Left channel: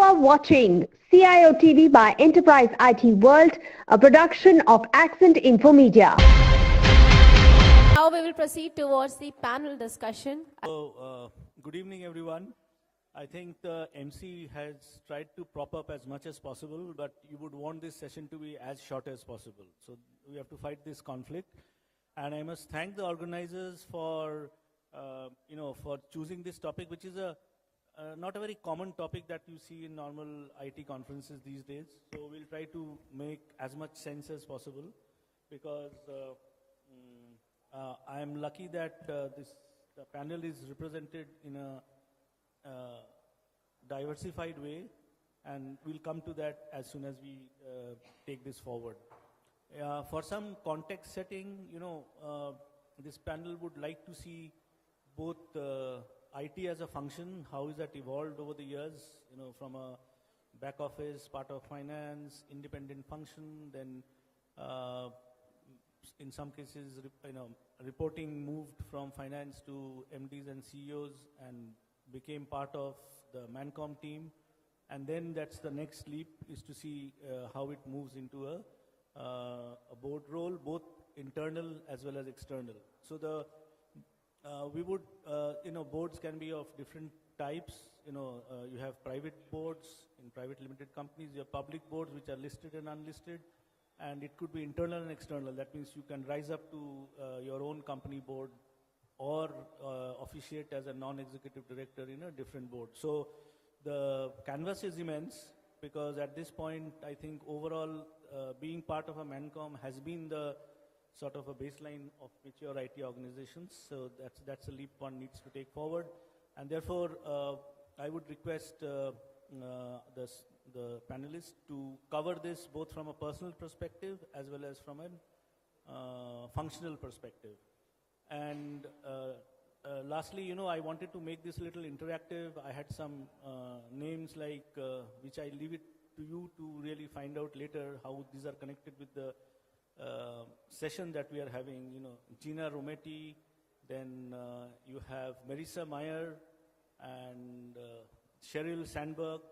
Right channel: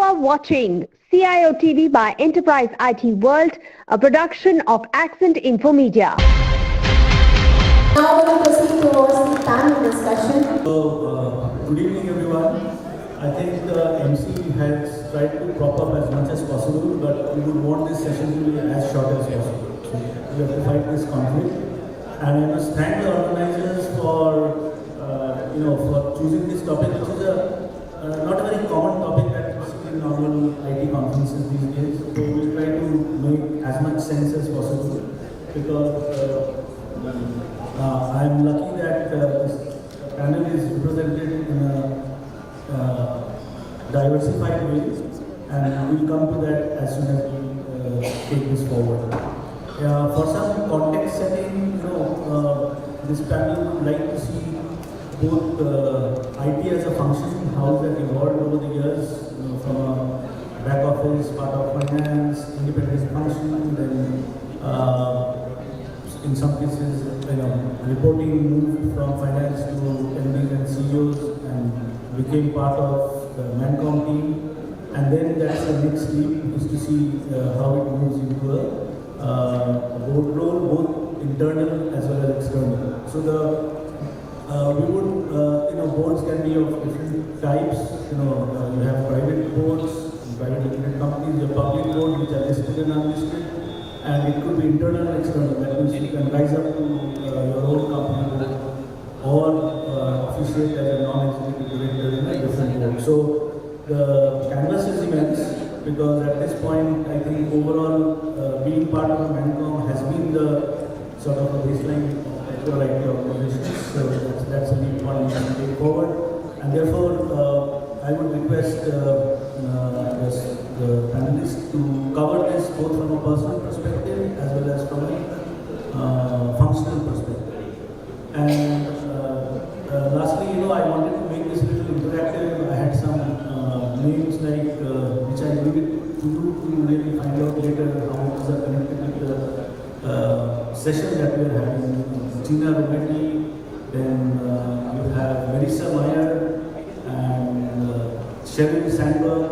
are watching CIOTV by Enterprise IT World, a production of Accent Infomedia. Now we will proceed towards the panel discussion. Good evening everyone. I think the MC has tried to prop up as much as possible, but we would want this session to be as short as possible. So we have to fight this conflict. And I must thank the organizers for for choosing this topic, which is not a very common topic that you see in normal IT conferences these days. So we'll try to make as much sense as possible, because I'm lucky that this panel is represented in a diversified way, and we'll come to that as soon as we take this forward. For some context setting, this panel would like to see both IT as a function, how it has evolved over the years, from a back office, part of finance, independent function, then in some cases, reporting moved from finance to MDs and CEOs and became part of the Mancom team. And then that's the next leap, is to see how it moves into a board role, both internal as well as external. So we would, boards can be of different types. You have private boards, private limited companies, your public boards which are listed and unlisted, and it could be internal and external. That means you can rise up to your own company board or officiate as a non-executive director in a different board. So the canvas is immense, because at this point, I think overall being part of a Mancom has been the sort of a baseline of your IT organizations. So that's a big point we can take forward. And therefore, I would request the panelists to cover this both from a personal perspective as well as from a functional perspective. And lastly, I wanted to make this a little interactive. I had some names which I needed to do to really find out later how it is connected with the session that we are having. Tina Rometti, then you have Marisa Meyer and Sheryl Sandberg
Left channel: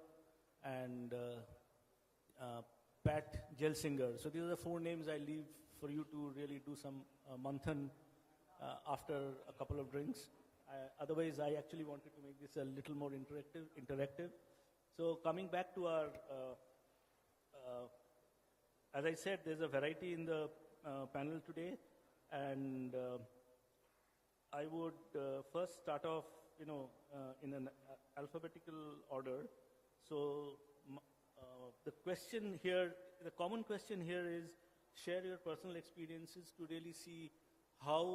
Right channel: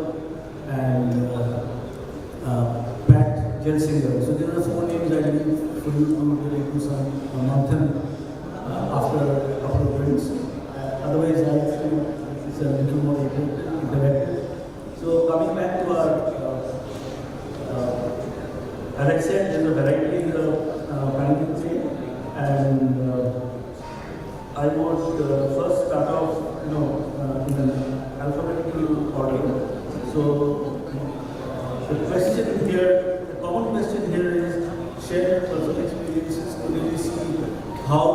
and Pat Gelsinger. So there are 4 names I need for you to get into some marathon after a couple of drinks. Otherwise, I feel it's a little more interactive. So coming back to our, as I said, there's a variety in the panel today, and I would first start off, in an alphabetical order. So the question here, the common question here is share personal experiences to really see how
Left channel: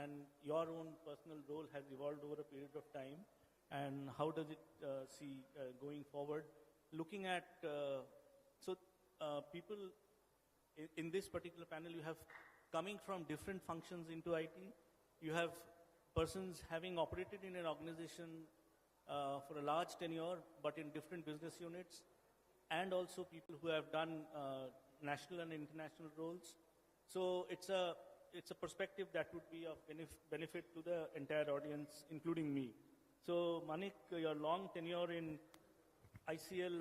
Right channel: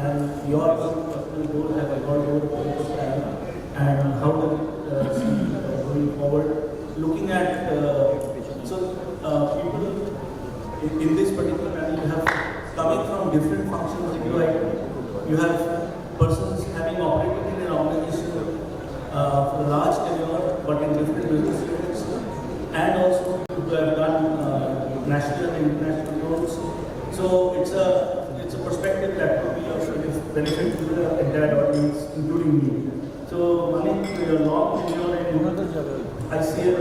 and your personal goals have evolved over the course of time, and how to see going forward. Looking at people in this particular panel, you have coming from different functions into IT. You have persons having operated in an organization for a large tenure, but in different business units, and also who have done national and international roles. So it's a perspective that could be of benefit to the entire audience, including me. So Manik, your long tenure in ICL,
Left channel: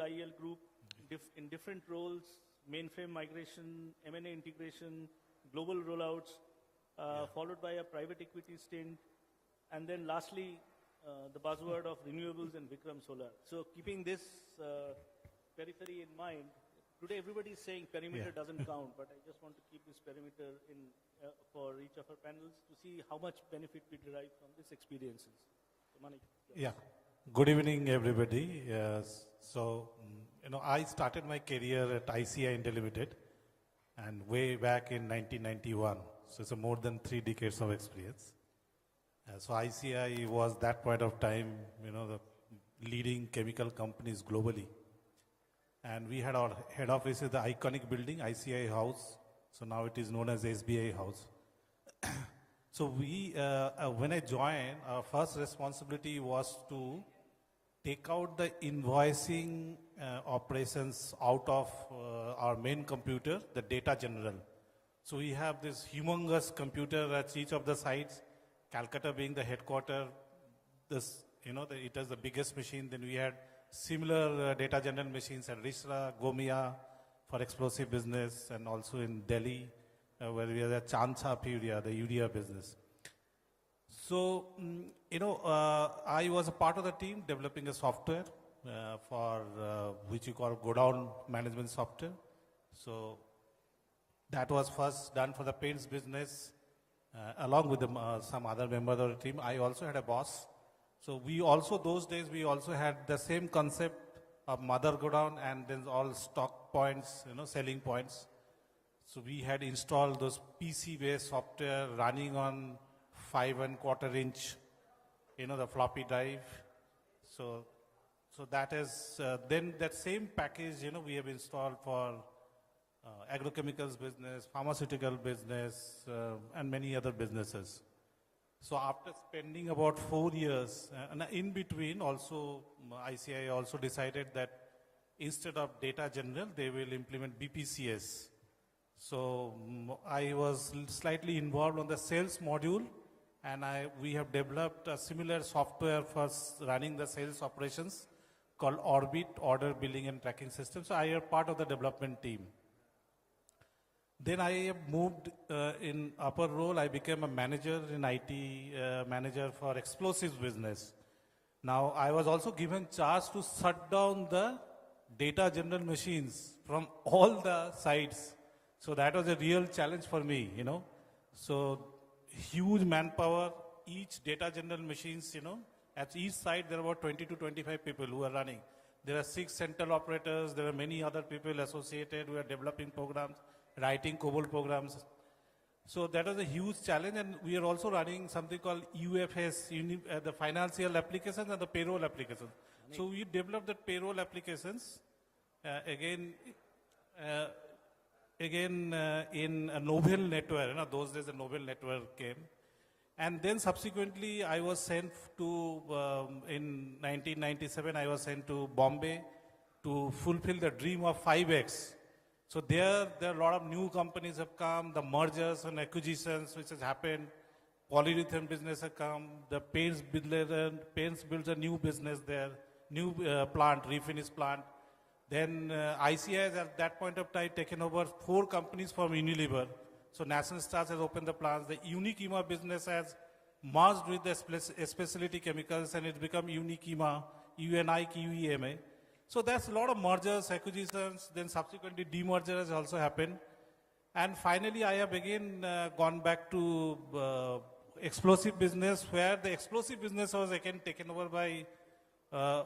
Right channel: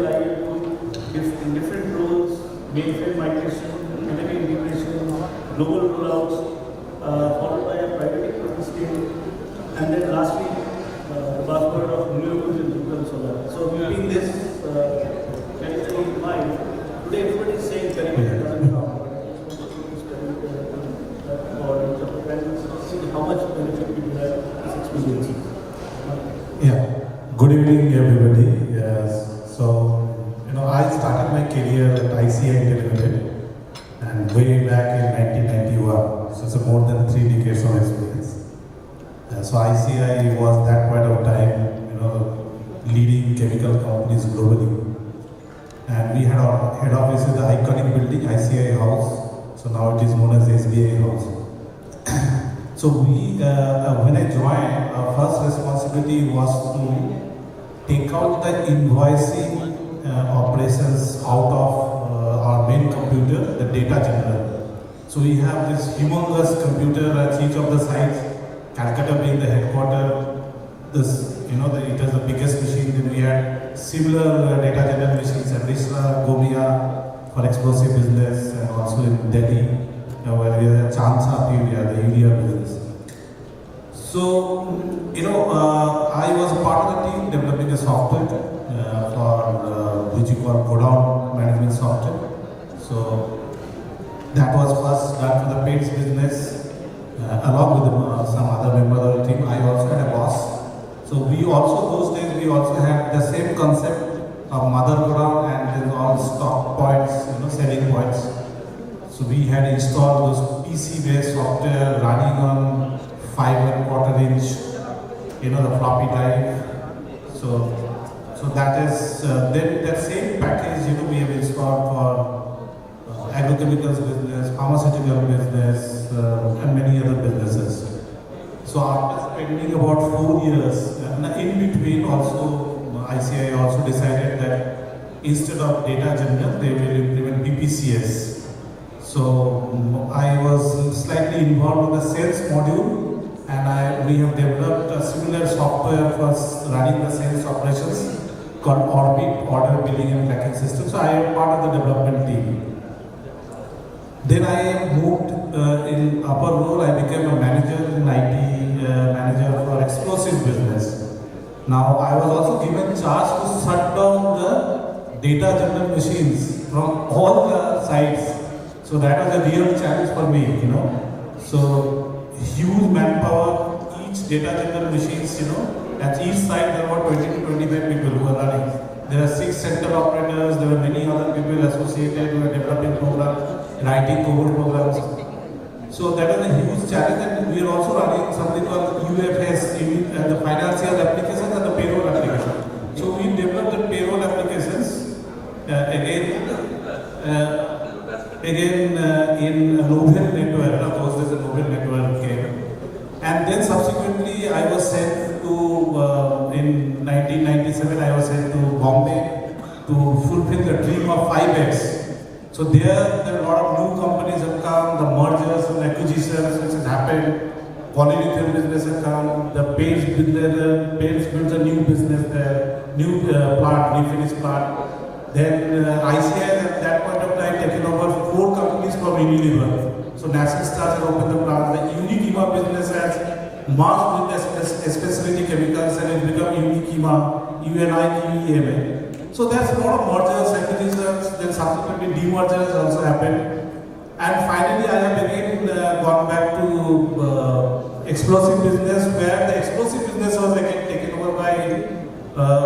in different roles, mainframe migration, delivery integration, global rollouts, followed by a private equity scale, and then lastly, the buzzword of renewables and Rupa and Sourav. So keeping this carefully in mind, today everybody is saying Keventer doesn't count. See how much benefit we have this experience. Yeah. Good evening, everybody. Yes. So, I started my career at ICI Limited, and way back in 1991. So it's more than 3 decades of experience. So ICI was that point of time, leading chemical companies globally. And we had our head office in the iconic building, ICI House. So now it is known as SBI House. So when I joined, our first responsibility was to take out the invoicing operations out of our main computer, the data general. So we have this humongous computer at each of the sites, Calcutta being the headquarters. It was the biggest machine. Then we had similar data generation machines in Risla, Gomia for explosive business, and also in Delhi, where we have Chansa area, the urea business. So, I was a part of the team developing a software for which you call godown management software. So, that was first done for the paints business along with some other members of the team. I also had a boss. So we also, those days, we also had the same concept of mother godown and then all stock points, selling points. So we had installed those PC-based software running on 5¼ inch, the floppy drive. So that is, then that same package, we have installed for agrochemicals business, pharmaceutical business, and many other businesses. So after spending about 4 years, in between also, ICI also decided that instead of data general, they will implement BPCS. So I was slightly involved in the sales module, and we have developed a similar software for running the sales operations called Orbit, Order Billing and Tracking System. So I am part of the development team. Then I moved in upper role. I became a manager in IT, manager for explosive business. Now I was also given charge to shut down the data general machines from all the sites. So that was a real challenge for me, So huge manpower, each data general machines, at each site there were 20 to 25 people who were running. There are 6 center operators, there were many other people associated who were developing programs, writing code programs. So that was a huge challenge, and we are also running something called UFS, the financial applications and the payroll application. So we developed the payroll applications again in Novel network. Of course, there's a Novel network came, and then subsequently I was sent to in 1997 I was sent to Bombay to fulfill the dream of 5X. So there are a lot of new companies have come, the mergers and acquisitions which has happened, polyolefin business have come, the paints built a new business there, new part, refinish part. Then ICI at that point of time taken over 4 companies from Unilever. So National Stars had opened the plant. The Unilever business has merged with especially chemicals and it become Unilever, UNIEMA. So there's a lot of mergers, acquisitions, then subsequently demergers also happened. And finally I have again gone back to explosive business, where the explosive business was again taken over by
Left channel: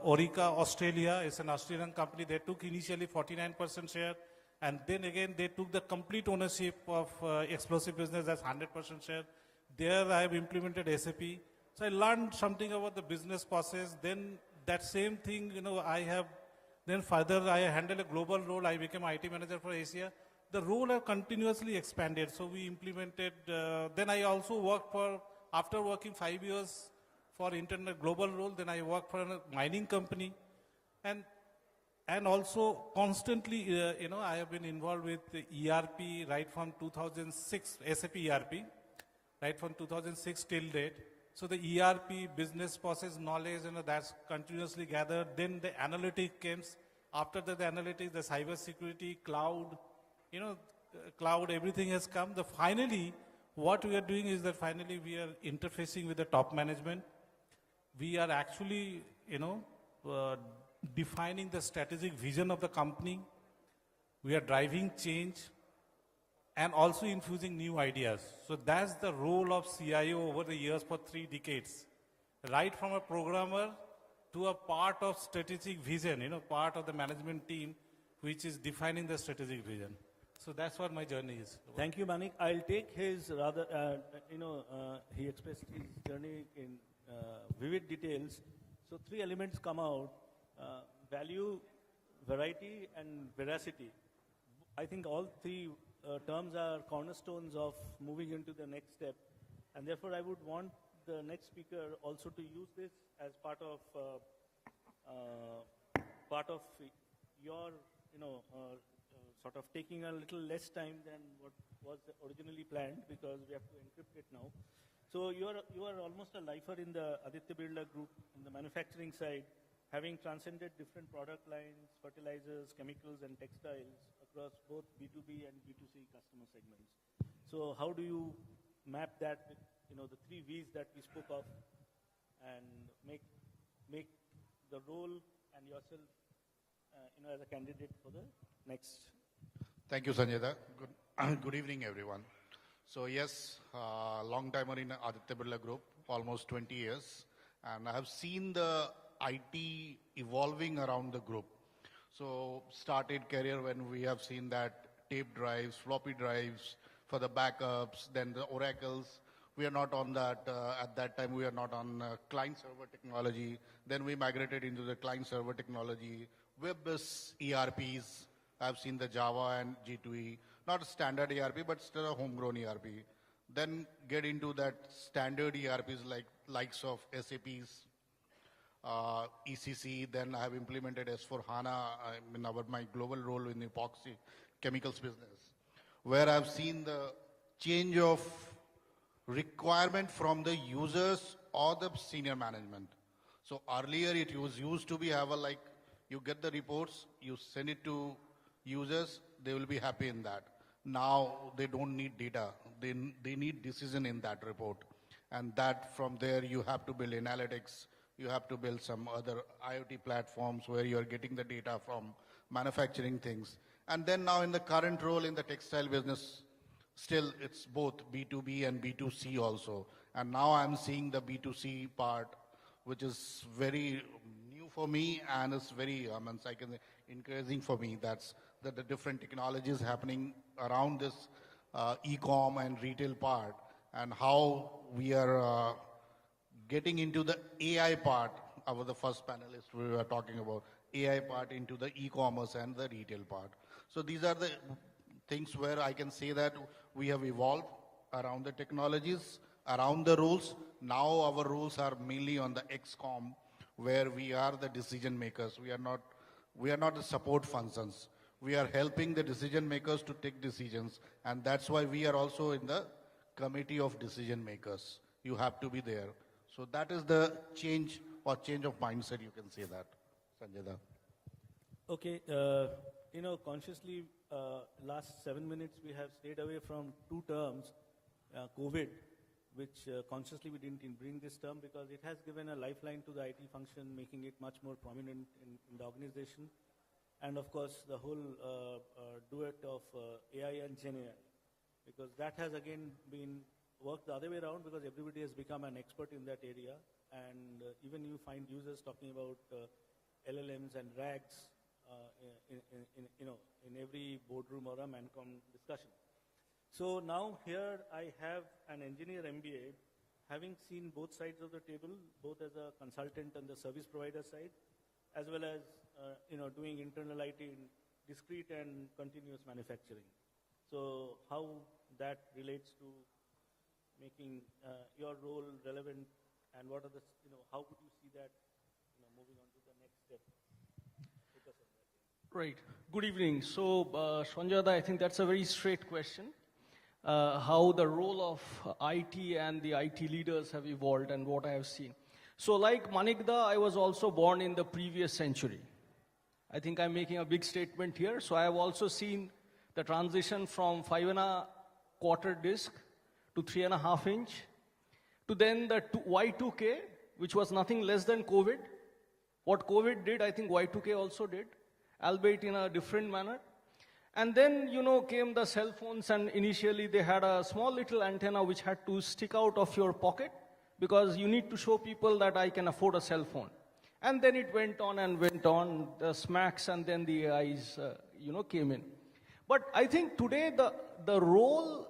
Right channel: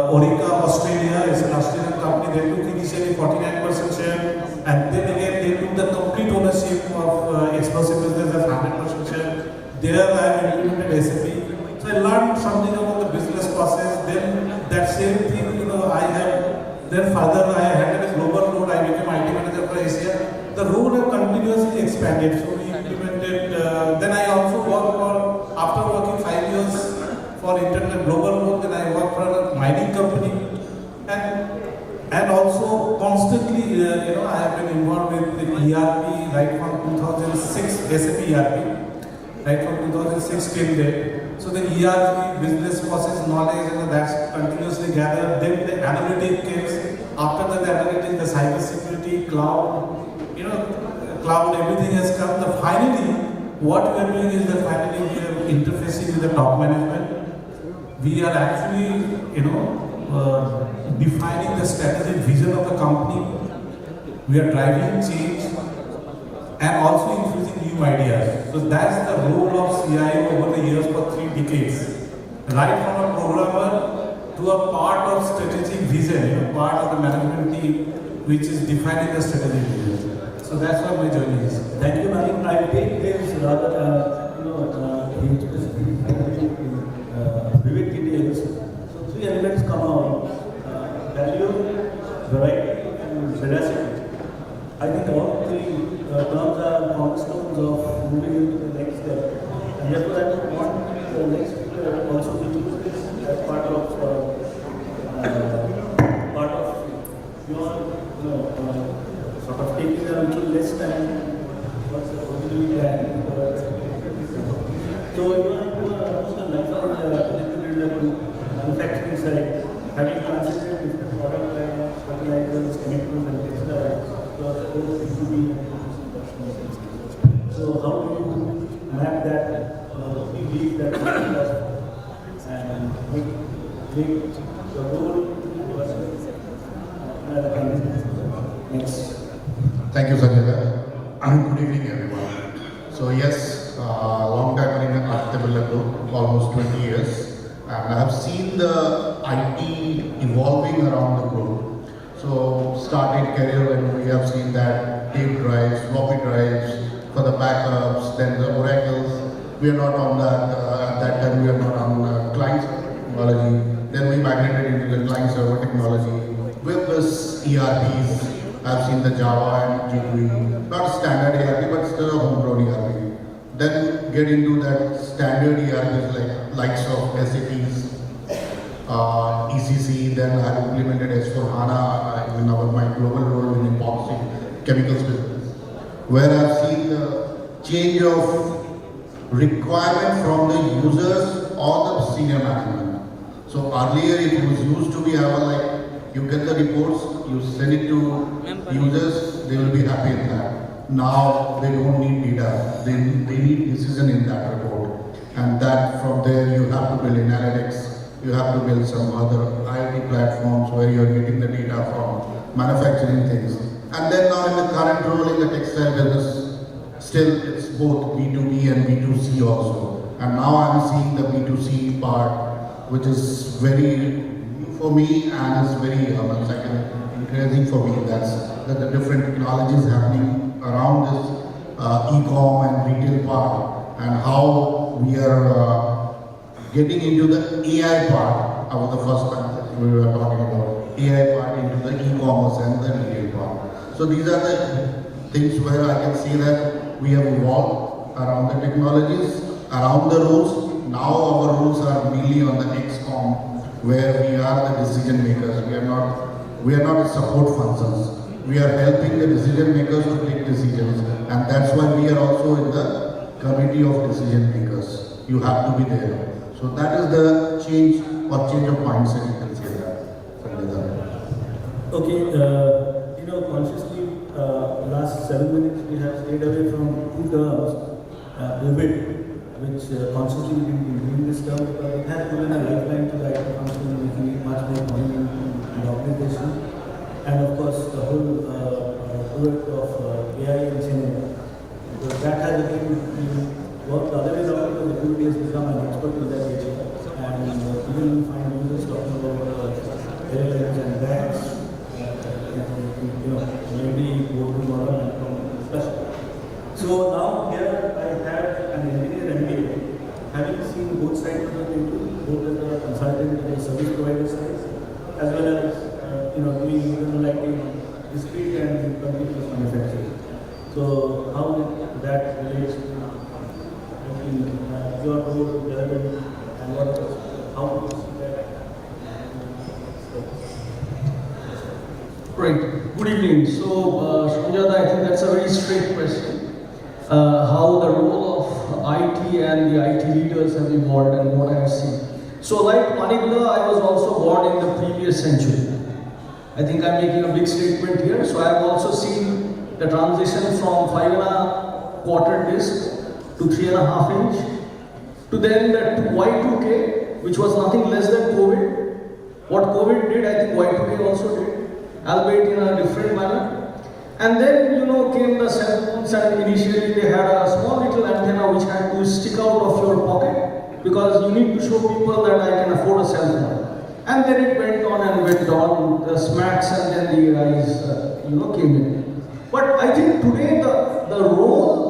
Orica Australia. It's an Australian company. They took initially 49% share, and then again they took the complete ownership of explosive business as 100% share. There I have implemented SAP. So I learned something about the business process. Then that same thing, then further I had a global role. I became IT manager for Asia. The role had continuously expanded. So we implemented. Then I also worked for, after working 5 years for internal global role, then I worked for a mining company, and also constantly, I have been involved with ERP right from 2006, SAP ERP, right from 2006 till date. So the ERP, business process knowledge, that's continuously gathered. Then the analytics came. After the analytics, the cyber security, cloud, cloud, everything has come. So finally, what we are doing is that finally we are interfacing with the top management. We are actually, defining the strategic vision of the company. We are driving change and also infusing new ideas. So that's the role of CIO over the years for 3 decades. Right from a programmer to a part of strategic vision, part of the management team which is defining the strategic vision. So that's what my journey is. Thank you, Manik. I take this rather, vivid details. So 3 elements come out: value, variety, and veracity. I think all 3 terms are cornerstones of moving into the next step. And therefore, I would want the next speaker also to use this as part of your, sort of taking a little less time what's the original plan. So you are almost a lifelong manufacturing side. having transited different product lines, fertilizers, chemicals and textiles, plus both B2B and B2C. So how do you map that, lead that and make the role Next. Thank you, Sanjay. Good evening, everyone. So yes, long time in the Birla Group, almost 20 years, and I have seen the IT evolving around the group. So started career when we have seen that tape drives, floppy drives for the backups, then the oracles. We are not on that. At that time, we are not on client technology. Then we migrated into the client server technology. With this ERPs, I've seen the Java and jQuery, not standard ERP, but still a homegrown ERP. Then get into that standard ERPs like likes of SAPs, ECC. Then I have implemented S4HANA in my global role in epoxy chemicals business, where I've seen the change of requirement from the users or the senior management. So earlier it was used to be like, you get the reports, you send it to users, they will be happy in that. Now they don't need data, they need decision in that report. And that from there you have to build analytics, you have to build some other IT platforms where you are getting the data from manufacturing things. And then now in the current role in the textile business, still it's both B2B and B2C also. And now I'm seeing the B2C part, which is very for me and is very encouraging for me. That's that the different technologies happening around this e-com and retail part, and how we are getting into the AI part. I was the first time we were talking about AI part into the e-commerce and the retail part. So these are the things where I can see that we have evolved around the technologies, around the rules. Now our rules are really on the XCOM, where we are the decision makers. We are not support functions. We are helping the decision makers to take decisions, and that's why we are also in the committee of decision makers. You have to be there. So that is the change of mindset, you can say that. Okay, consciously, last 7 minutes we have stayed away from two terms, pivot, which consciously we have been doing this term because it has given a lifeline to the IT function, making it much more prominent in the organization. And of course, the whole pivot of AI and Singh. Because that has again worked the other way around because the community has become an expert in that area. And even find users talking about LLMs and banks, maybe boardroom model and from discussion. So now here I have an engineer MBA, having seen both sides of the table, both as a consultant and a service provider side, as well as doing like discrete and continuous manufacturing. So how that relates to your role development and how do you see that? Great. Good evening. So, Sujata, I think that's a very straight question. How the role of IT and the IT leaders have evolved and what I've seen. So, like Manik, I was also born in the previous century. I think I'm making a big statement here. So, I've also seen the transition from 5.25 disc to 3.5 inch, to then that Y2K, which was nothing less than COVID. What COVID did, I think Y2K also did, albeit in a different manner. And then, came the cell phones, and initially they had a small little antenna which had to stick out of your pocket because you need to show people that I can afford a cell phone. And then it went on and went on, the smarts and then the AIs, came in. But I think today the role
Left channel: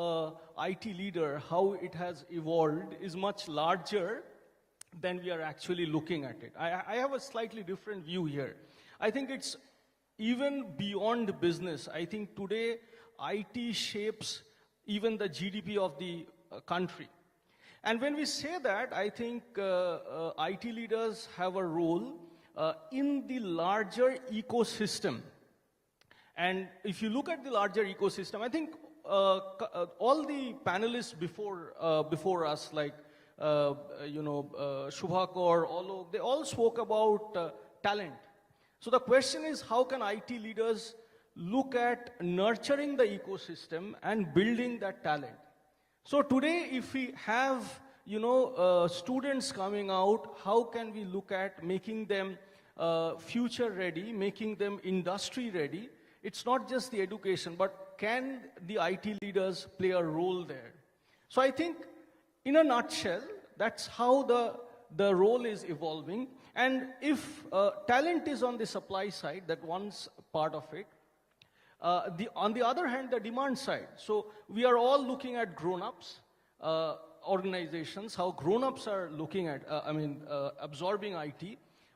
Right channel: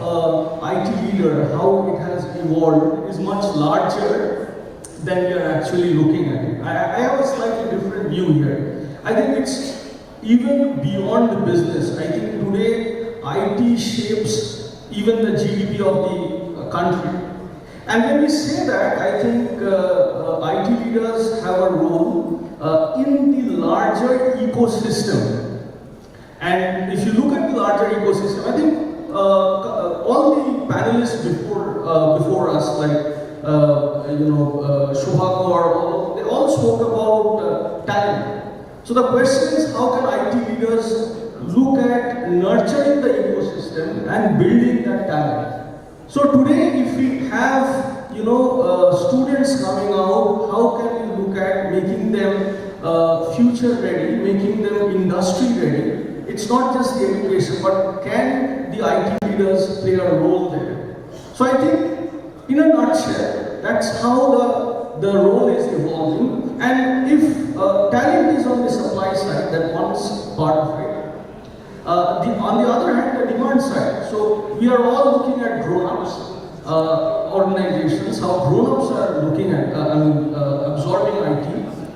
of IT leader, how it has evolved, is much larger than we are actually looking at it. I have a slightly different view here. I think it's even beyond the business. I think today IT shapes even the GDP of the country. And when we say that, I think IT leaders have a role in the larger ecosystem. And if you look at the larger ecosystem, I think all the panelists before us, like Shubhakar, they all spoke about talent. So the question is, how can IT leaders look at nurturing the ecosystem and building that talent? So today, if we have students coming out, how can we look at making them future ready, making them industry ready? It's not just the education, but can the IT leaders play a role there? So I think, in a nutshell, that's how the role is evolving. And if talent is on the supply side, that one's part of it. On the other hand, the demand side. So we are all looking at grown-ups, organizations, how grown-ups are looking at absorbing IT.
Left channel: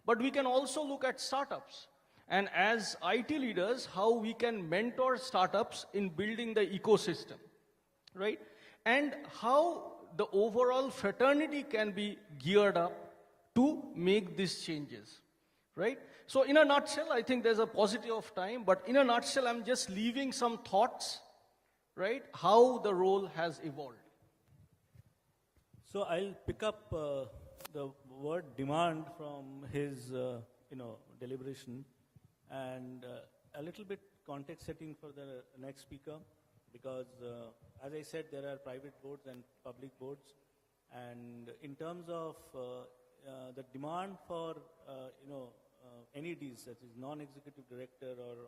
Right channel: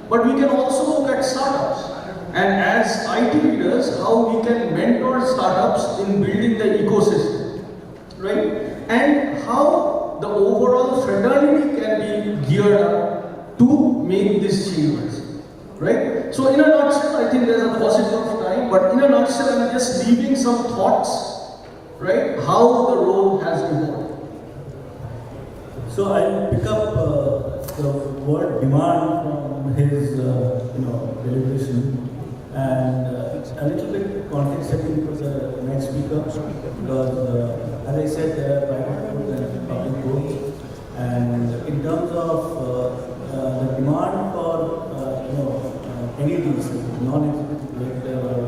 But we can also look at startups. And as IT leaders, how we can mentor startups in building the ecosystem, right? And how the overall fraternity can be geared up to make these changes, right? So in a nutshell, I think there's a paucity of time, but in a nutshell, I'm just leaving some thoughts, right? How the role has evolved. So I pick up the word demand from his, deliberation. And a little bit context setting for the next speaker, because as I said, there are private goods and public goods, and in terms of the demand for entities, non-executive director or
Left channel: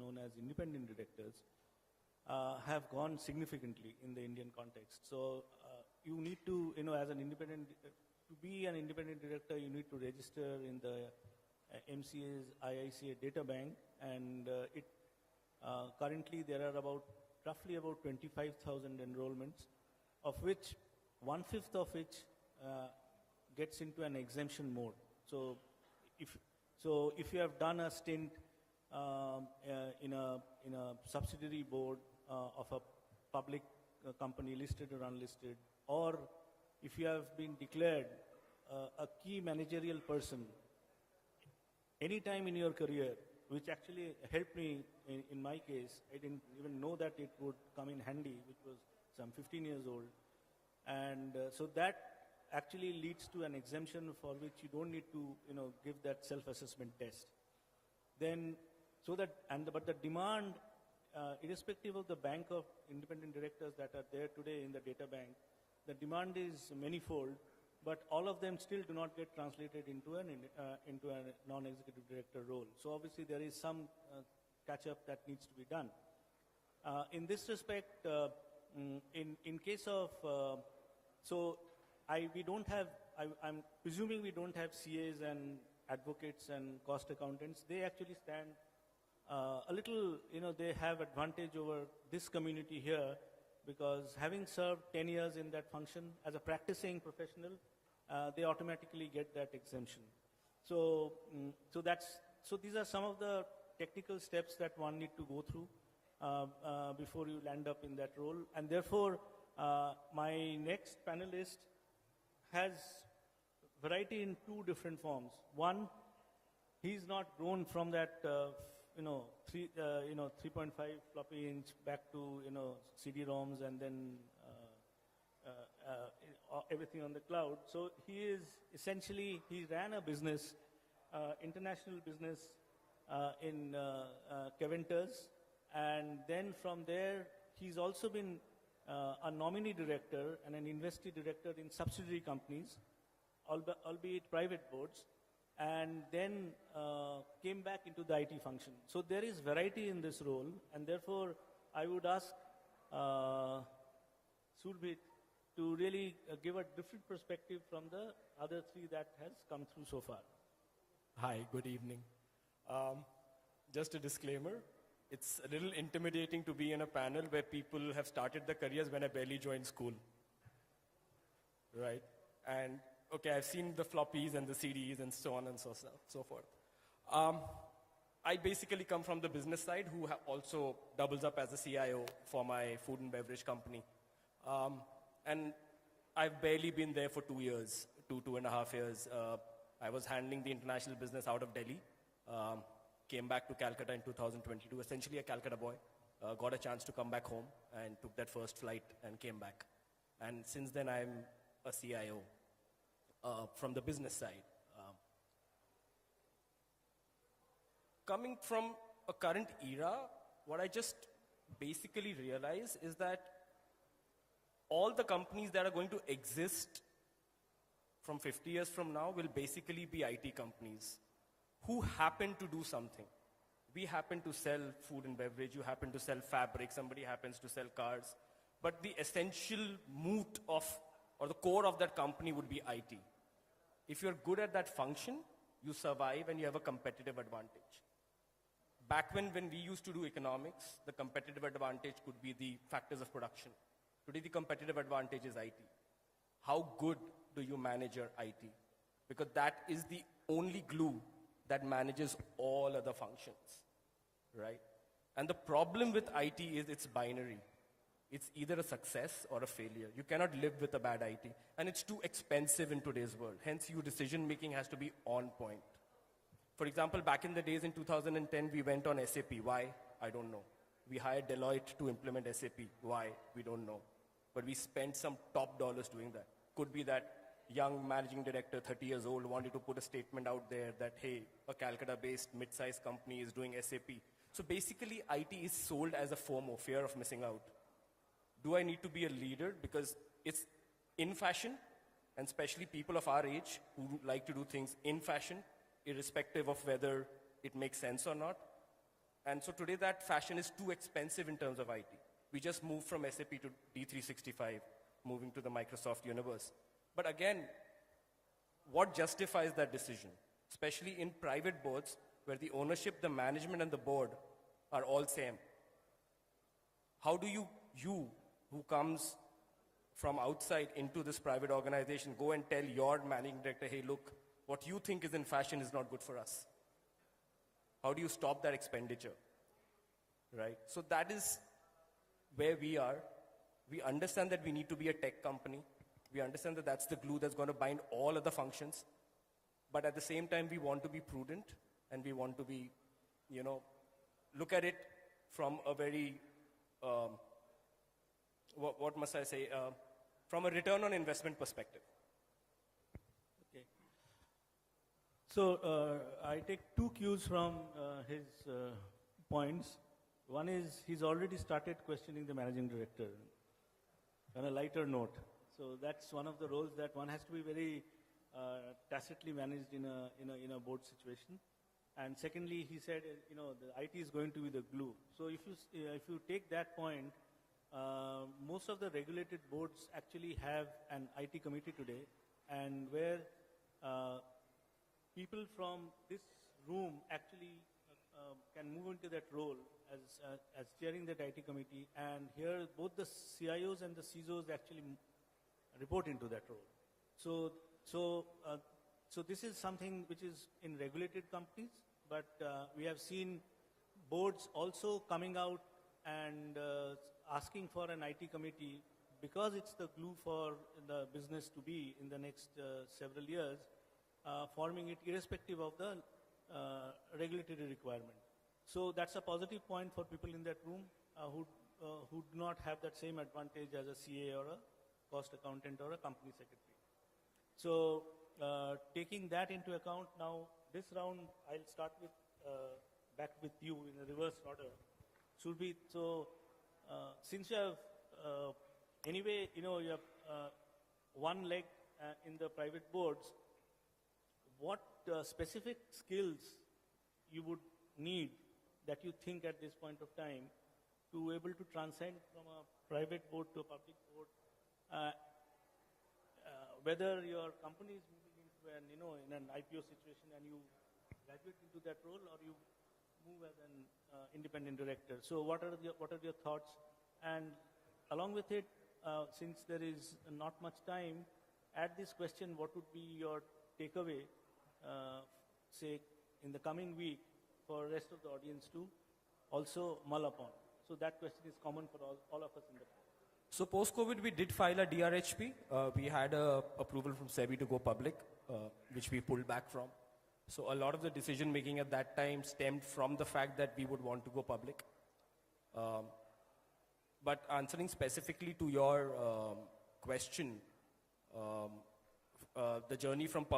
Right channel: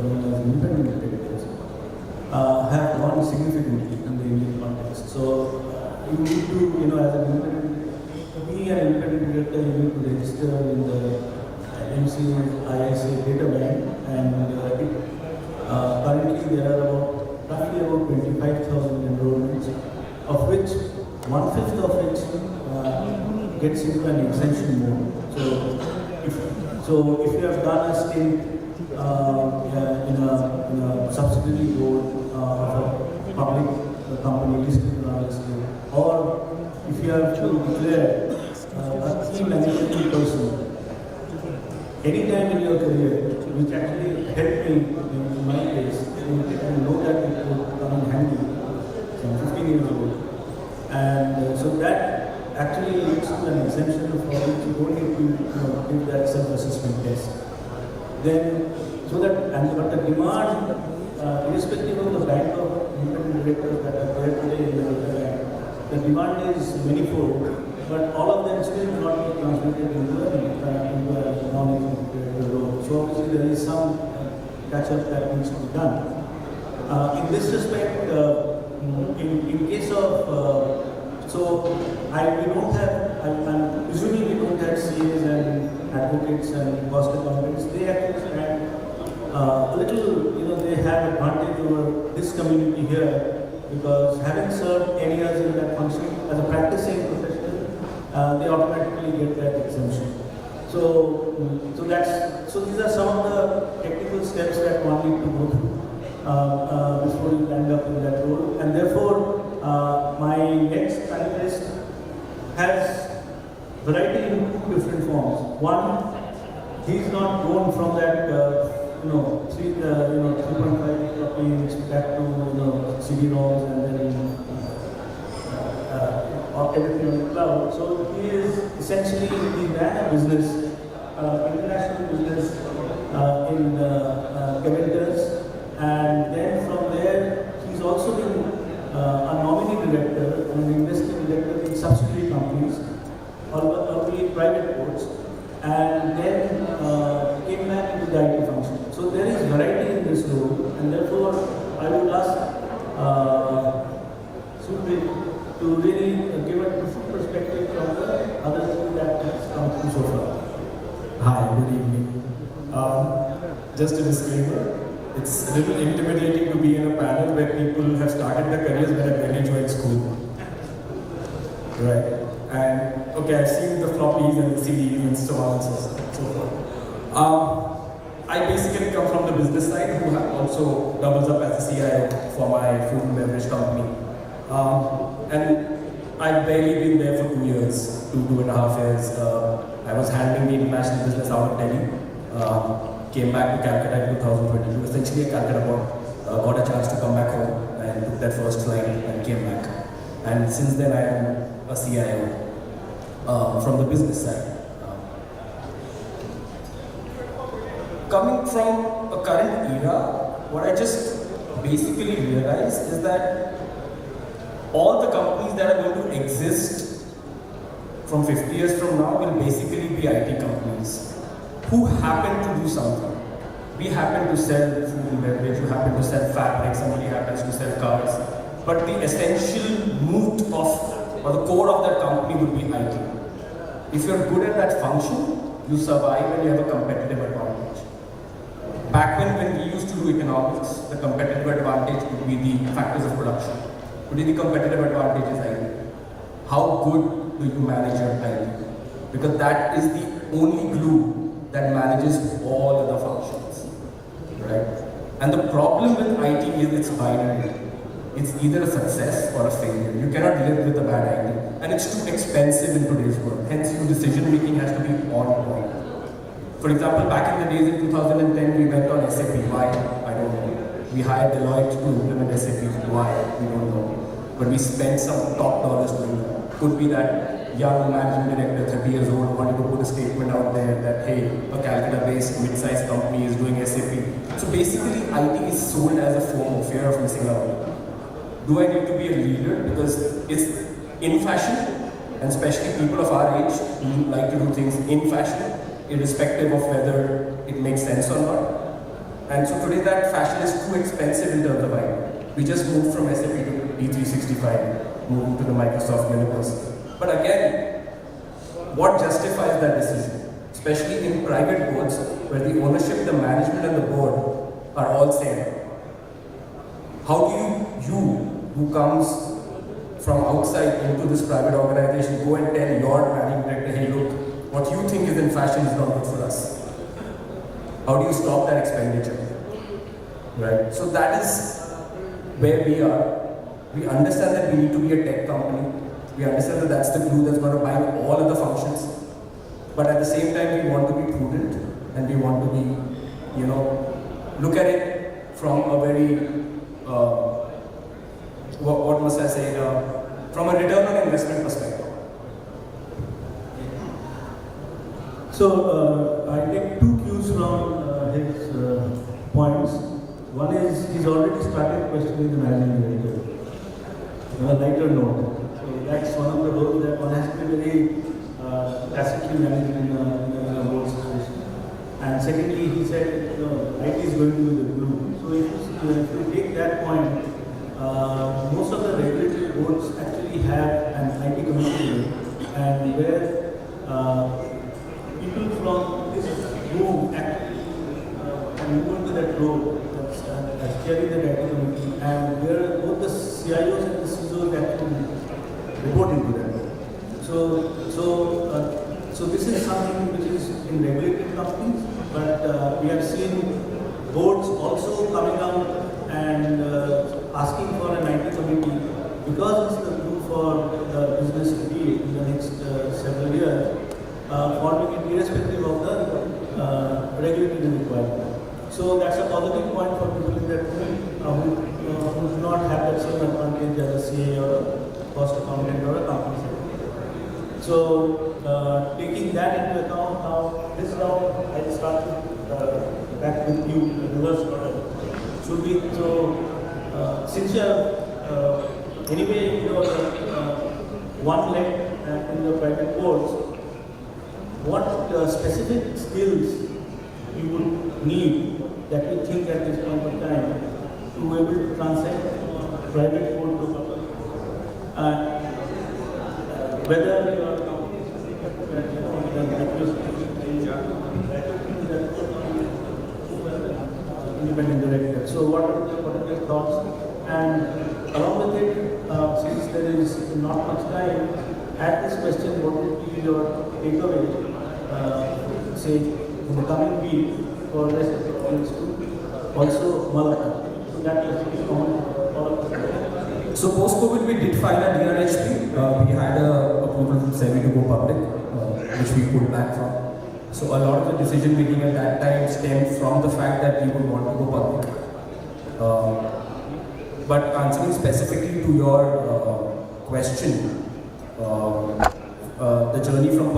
known as independent directors, have gone significantly in the Indian context. So you need to, as an independent, be an independent director, you need to register in the ISA data bank, and currently there are roughly about 25,000 enrollments, of which 1/5 of which gets into an exemption mode. So if you have done a stint in a subsidiary board of a public company listed on the state, or if you have to declare a key management person anytime in your career, which actually helped me in my case, and know that it would come in handy from 15 years old. And so that actually leads to an exemption for which you don't need to give that self-assessment test. Then, but the demand, irrespective of the bank of independent directors that are there today in the bank, the demand is manifold. But all of them still not be translated into a non-executive role. So obviously there is some catch-up that needs to be done. In this respect, in case of, usually we don't have CAs and advocates and cost accountants. They actually stand a little, they have advantage over this community here, because having served 10 years in that function as a practicing professional, they automatically get that exemption. So these are some of the technical steps that one need to go through before you end up in that role. And therefore, my next panelist has variety in two different forms. One, he's not going from that 3.5 copies back to CD-ROMs and then everything on the cloud. So he is essentially, he ran a business, international business in Keventer, and then from there he's also been a nominee director and an investing director in subsidiary companies, only private boards, and then came back into the IT function. So there is variety in this role, and therefore I would ask Surbhit to really give a different perspective from the other thing that has come through so far. Hi, good evening. Just a disclaimer, it's a little intimidating to be in a panel where people have started their careers when I barely joined school. Right. And okay, I've seen the floppies and the CDs and so on and so forth. I basically come from the business side, who also doubles up as the CIO for my food and beverage company. And I've barely been there for 2 years, 2.5 years. I was handling the international business out of Delhi. Came back to Calcutta in 2022. Essentially, Calcutta got a chance to come back home and took that first flight and came back. And since then, I am a CIO. from the business side. Coming from a current era, what I just basically realized is that all the companies that are going to exist from 50 years from now will basically be IT companies who happen to do something. We happen to sell food and beverage, you happen to sell fabric, somebody happens to sell cars. But the essential moot of, or the core of that company would be IT. If you're good at that function, you survive and you have a competitive advantage. Back when we used to do economics, the competitive advantage would be the factors of production. Today the competitive advantage is IT. How good do you manage your IT? Because that is the only glue that manages all other functions, right? And the problem with IT is it's binary. It's either a success or a failure. You cannot live with a bad IT. And it's too expensive in today's world. Hence, your decision making has to be on point. For example, back in the days in 2010, we went on SAP. Why? I don't know. We hired Deloitte to implement SAP. Why? We don't know. But we spent some top dollars doing that. Could be that young managing director, 30 years old, wanted to put a statement out there that, hey, a Calcutta-based mid-sized company is doing SAP. So basically, IT is sold as a form of fear of missing out. Do I need to be a leader? Because it's in fashion, and especially people of our age who like to do things in fashion, irrespective of whether it makes sense or not. And so today that fashion is too expensive in terms of IT. We just moved from SAP to E365, moving to the Microsoft universe. But again, what justifies that decision? Especially in private boards, where the ownership, the management and the board are all same. How do you who comes from outside into this private organization, go and tell your managing director, hey look, what you think is in fashion is not good for us? How do you stop that expenditure? Right? So that is where we are. We understand that we need to be a tech company. We understand that that's the glue that's going to bind all of the functions. But at the same time, we want to be prudent and we want to be, look at it from a very, what must I say, from a return on investment perspective. So I take two cues from his points. One is he's already started questioning the managing director on a lighter note. So that's one of the roles that one has to be very classically managed in a board situation. And secondly, he said, IT is going to be the glue. So if you take that point, most of the regulatory boards actually have an IT committee, and where people from this room actually can move into that role as chairing the IT committee, and where both the CIOs and the CESOs actually report into that. So this is something which is in regulated companies, but we have seen boards also coming out and asking for an IT committee because it's the glue for the business to be in the next several years, forming it irrespective of the regulatory requirement. So that's a positive point for people in that who do not have that same advantage as a CA or a cost accountant or a company secretary. So taking that into account, now this round I'll start back with you in reverse order. Should we since you have anyway one leg in the private boards, what specific skills you would need that you think at this point of time to be able to transact private board to public? Whether you are independent director. So what are your thoughts? And along with it, since there is not much time, at this question, what would be your takeaway, say, in the coming week for the rest of the audience to also welcome? So that is the comment. So post-COVID, we did file a DRHP. We had a approval from SEBI to go public, which we pulled back from. So a lot of the decision making at that time stemmed from the fact that we would want to go public. But answering specifically to your question, the journey from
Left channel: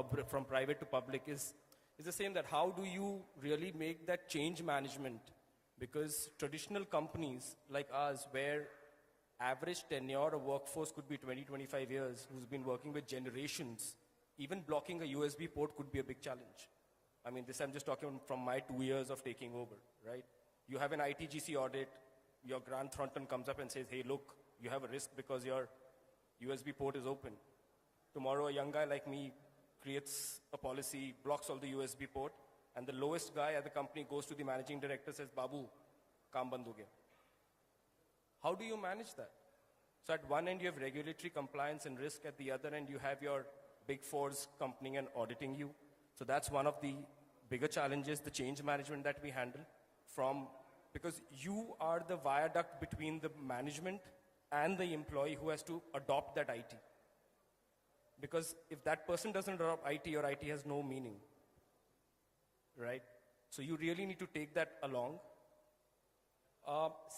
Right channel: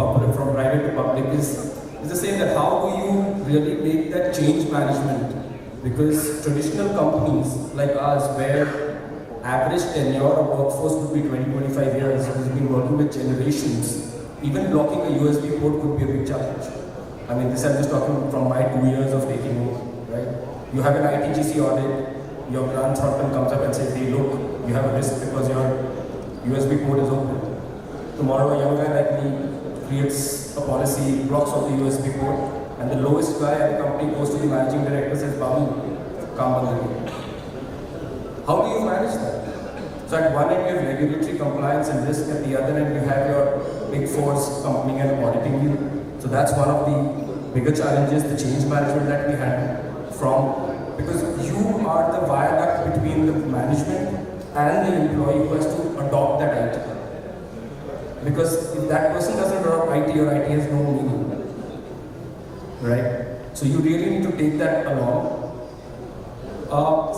private to public is the same, that how do you really make that change management? Because traditional companies like ours, where average tenure of workforce would be 20-25 years, who's been working with generations, even blocking a USB port could be a big challenge. I mean, this I'm just talking from my 2 years of taking over, right? You have an ITGC audit, your grant consultant comes up and says, hey, look, you have a risk because your USB port is open. Tomorrow, a young guy like me creates a policy, blocks off the USB port, and the lowest guy at the company goes to the managing director and says, Babu, come on the way. How do you manage that? So at one end, you have regulatory compliance and risk, at the other end, you have your big fours company and auditing you. So that's one of the bigger challenges, the change management that we had because you are the viaduct between the management and the employee who has to adopt that IT. Because if that person doesn't adopt IT, your IT has no meaning. Right? So you really need to take that along.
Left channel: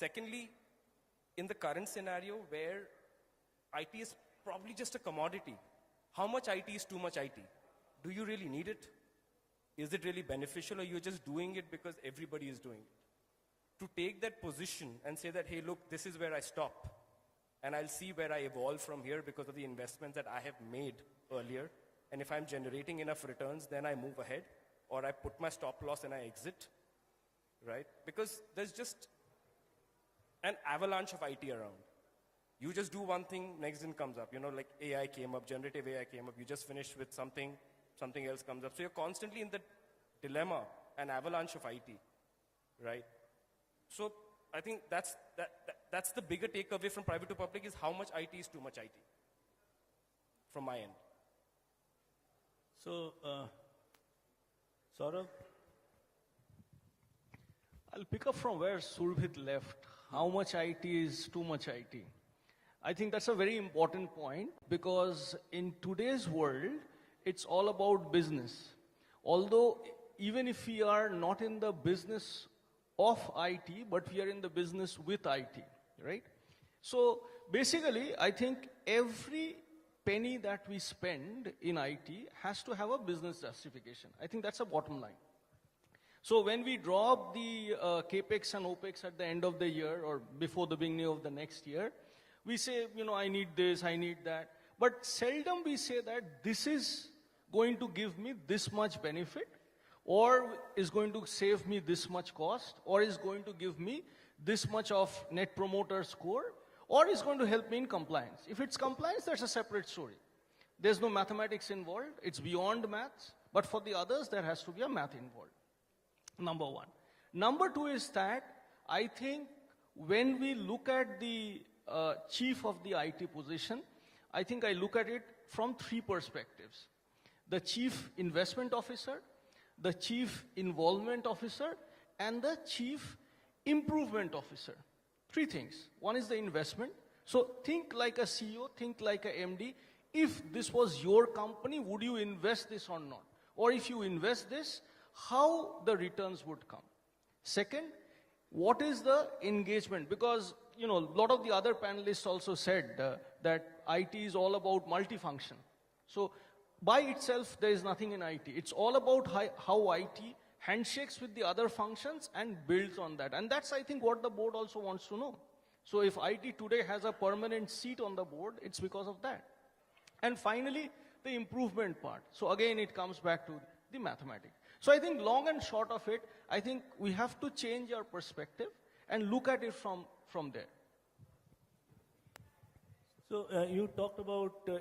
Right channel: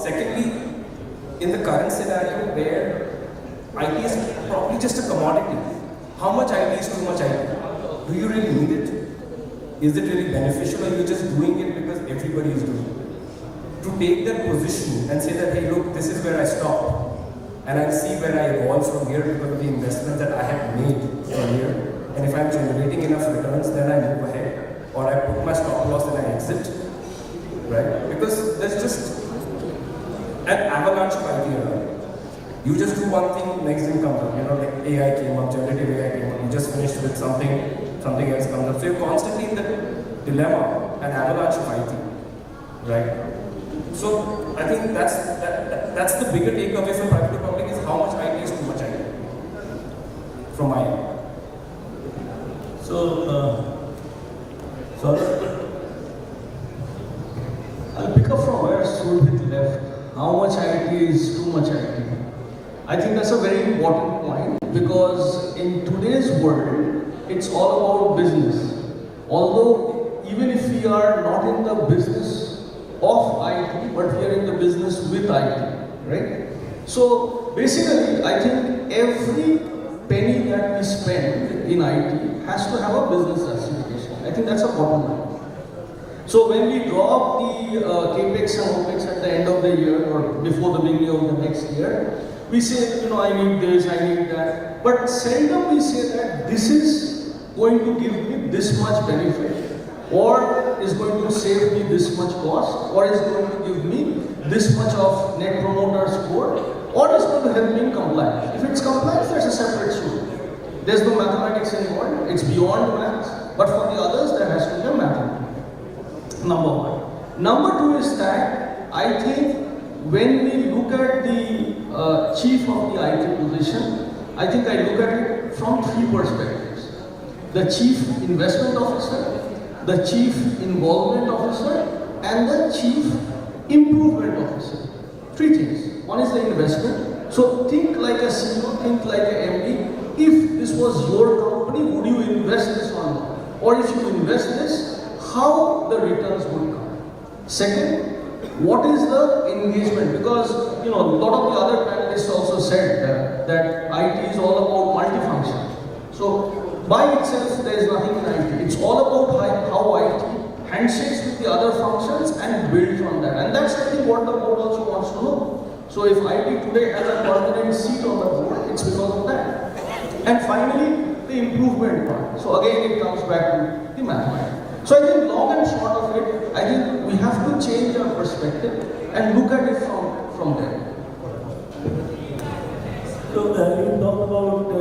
Secondly, in the current scenario where IT is probably just a commodity, how much IT is too much IT? Do you really need it? Is it really beneficial, or you're just doing it because everybody is doing it? To take that position and say that, hey, look, this is where I stop, and I see where I evolve from here because of the investment that I have made earlier. And if I'm generating enough returns, then I move ahead, or I put my stop loss and I exit, right? Because there's just an avalanche of ideas. You just do one thing, next thing comes up. Like AI came up, generative AI came up. You just finished with something else comes up. So you're constantly in the dilemma, an avalanche of IT, right? So I think that's the bigger takeaway from private to public is how much IT is too much IT, from my end. So, Sourav? I'll pick up from where Surbhit left. How much IT is too much IT? I think that's a very important point, because in today's world, it's all about business. Although, even if we are not in the business of IT, but we are in the business with IT, right? So, basically, I think every penny that we spend in IT has to have a business justification. I think that's a bottom line. So when we drop the capex and opex at the end of the year or before the beginning of the next year, we say, I need this, I need that. But seldom we say that this is going to give me this much benefit, or is going to save me this much cost, or is going to give me this much of net promoter score, or is going to help me in compliance. If it's compliance, that's a separate story. There's no mathematics involved, it's beyond maths, but for the others, there has to be a mathematics. Number one. Number two is that I think when we look at the chief of the IT position, I think I look at it from three perspectives. The chief investment officer, the chief involvement officer, and the chief improvement officer. Three things. One is the investment. So think like a CEO, think like a MD. If this was your company, would you invest this or not? Or if you invest this, how the returns would come. Second, what is the engagement? Because a lot of the other panelists also said that IT is all about multifunction. So by itself, there is nothing in IT. It's all about how IT handshakes with the other functions and build from that. And that's I think what the board also wants to know. So if IT today has a permanent seat on the board, it's because of that. And finally, the improvement part. So again, it comes back to the mathematics. So I think long and short of it, I think we have to change our perspective and look at it from there. So you talk about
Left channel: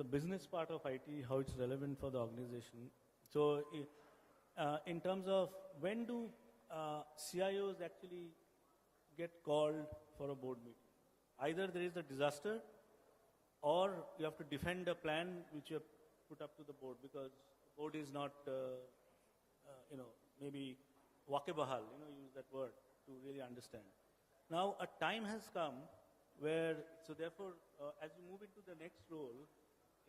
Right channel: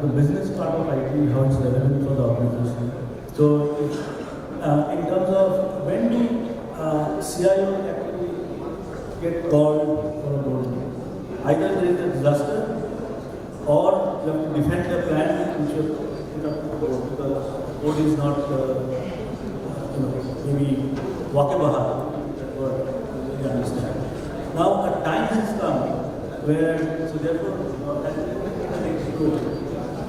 the business part of IT, how it's relevant for the organization. So in terms of when do CIOs actually get called for a role, either there is a disaster or you have to defend the plan which you put up to the board, because code is not maybe walkable, that word you understand. Now a time has come where, so therefore, that is the next goal.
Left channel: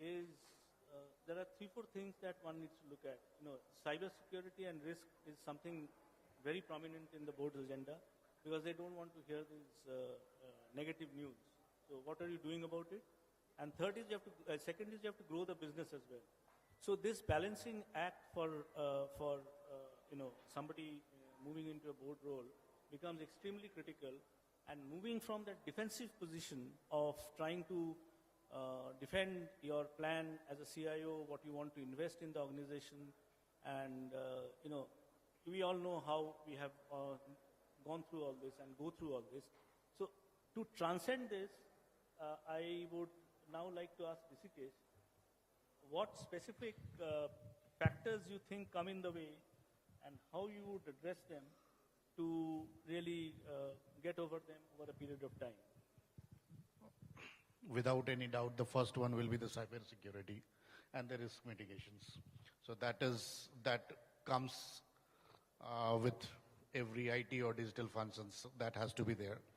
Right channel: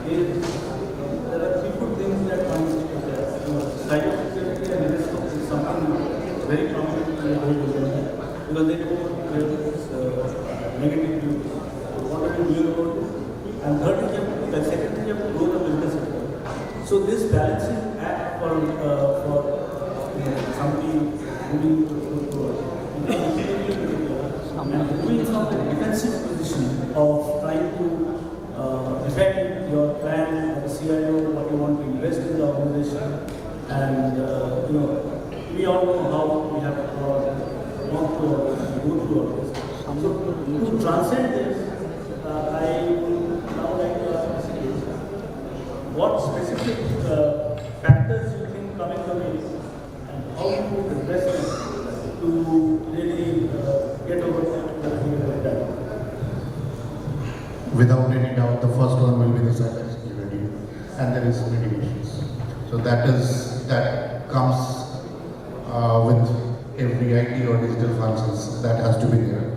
There are three good things that one is to address. Cybersecurity and risk is something very prominent in the whole business, because they don't have negative views. So what are you doing about it? And third, second, you have to grow the business So this balancing act for somebody moving and moving from the defensive position of trying to defend your plan as a CIO, what you want to invest in the organization, and we all know how we have to go through all this. So to transcend this, I would now like to ask Rishikesh, what specific factors you think come into play and how you would address them to really get over that? Without any doubt, the first one will be the cybersecurity, and there is mitigations. So that comes with every IT or digital functions that has to be there.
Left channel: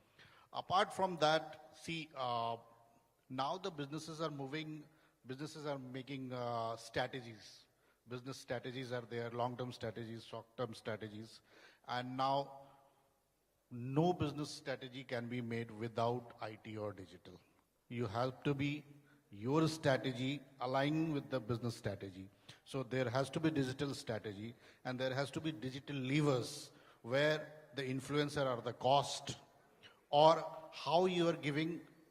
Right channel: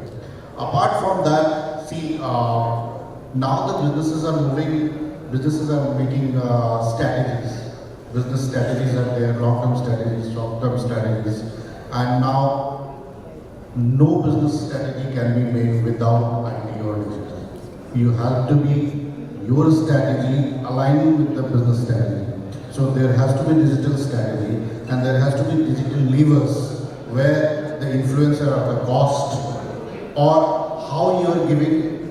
Apart from that, see, now the businesses are making strategies. Business strategies are there, long-term strategies, short-term strategies, and now no business strategy can be made without IT or digital. You have to be your strategy aligning with the business strategy. So there has to be digital strategy, and there has to be digital levers where the influencer of the cost or how you are giving,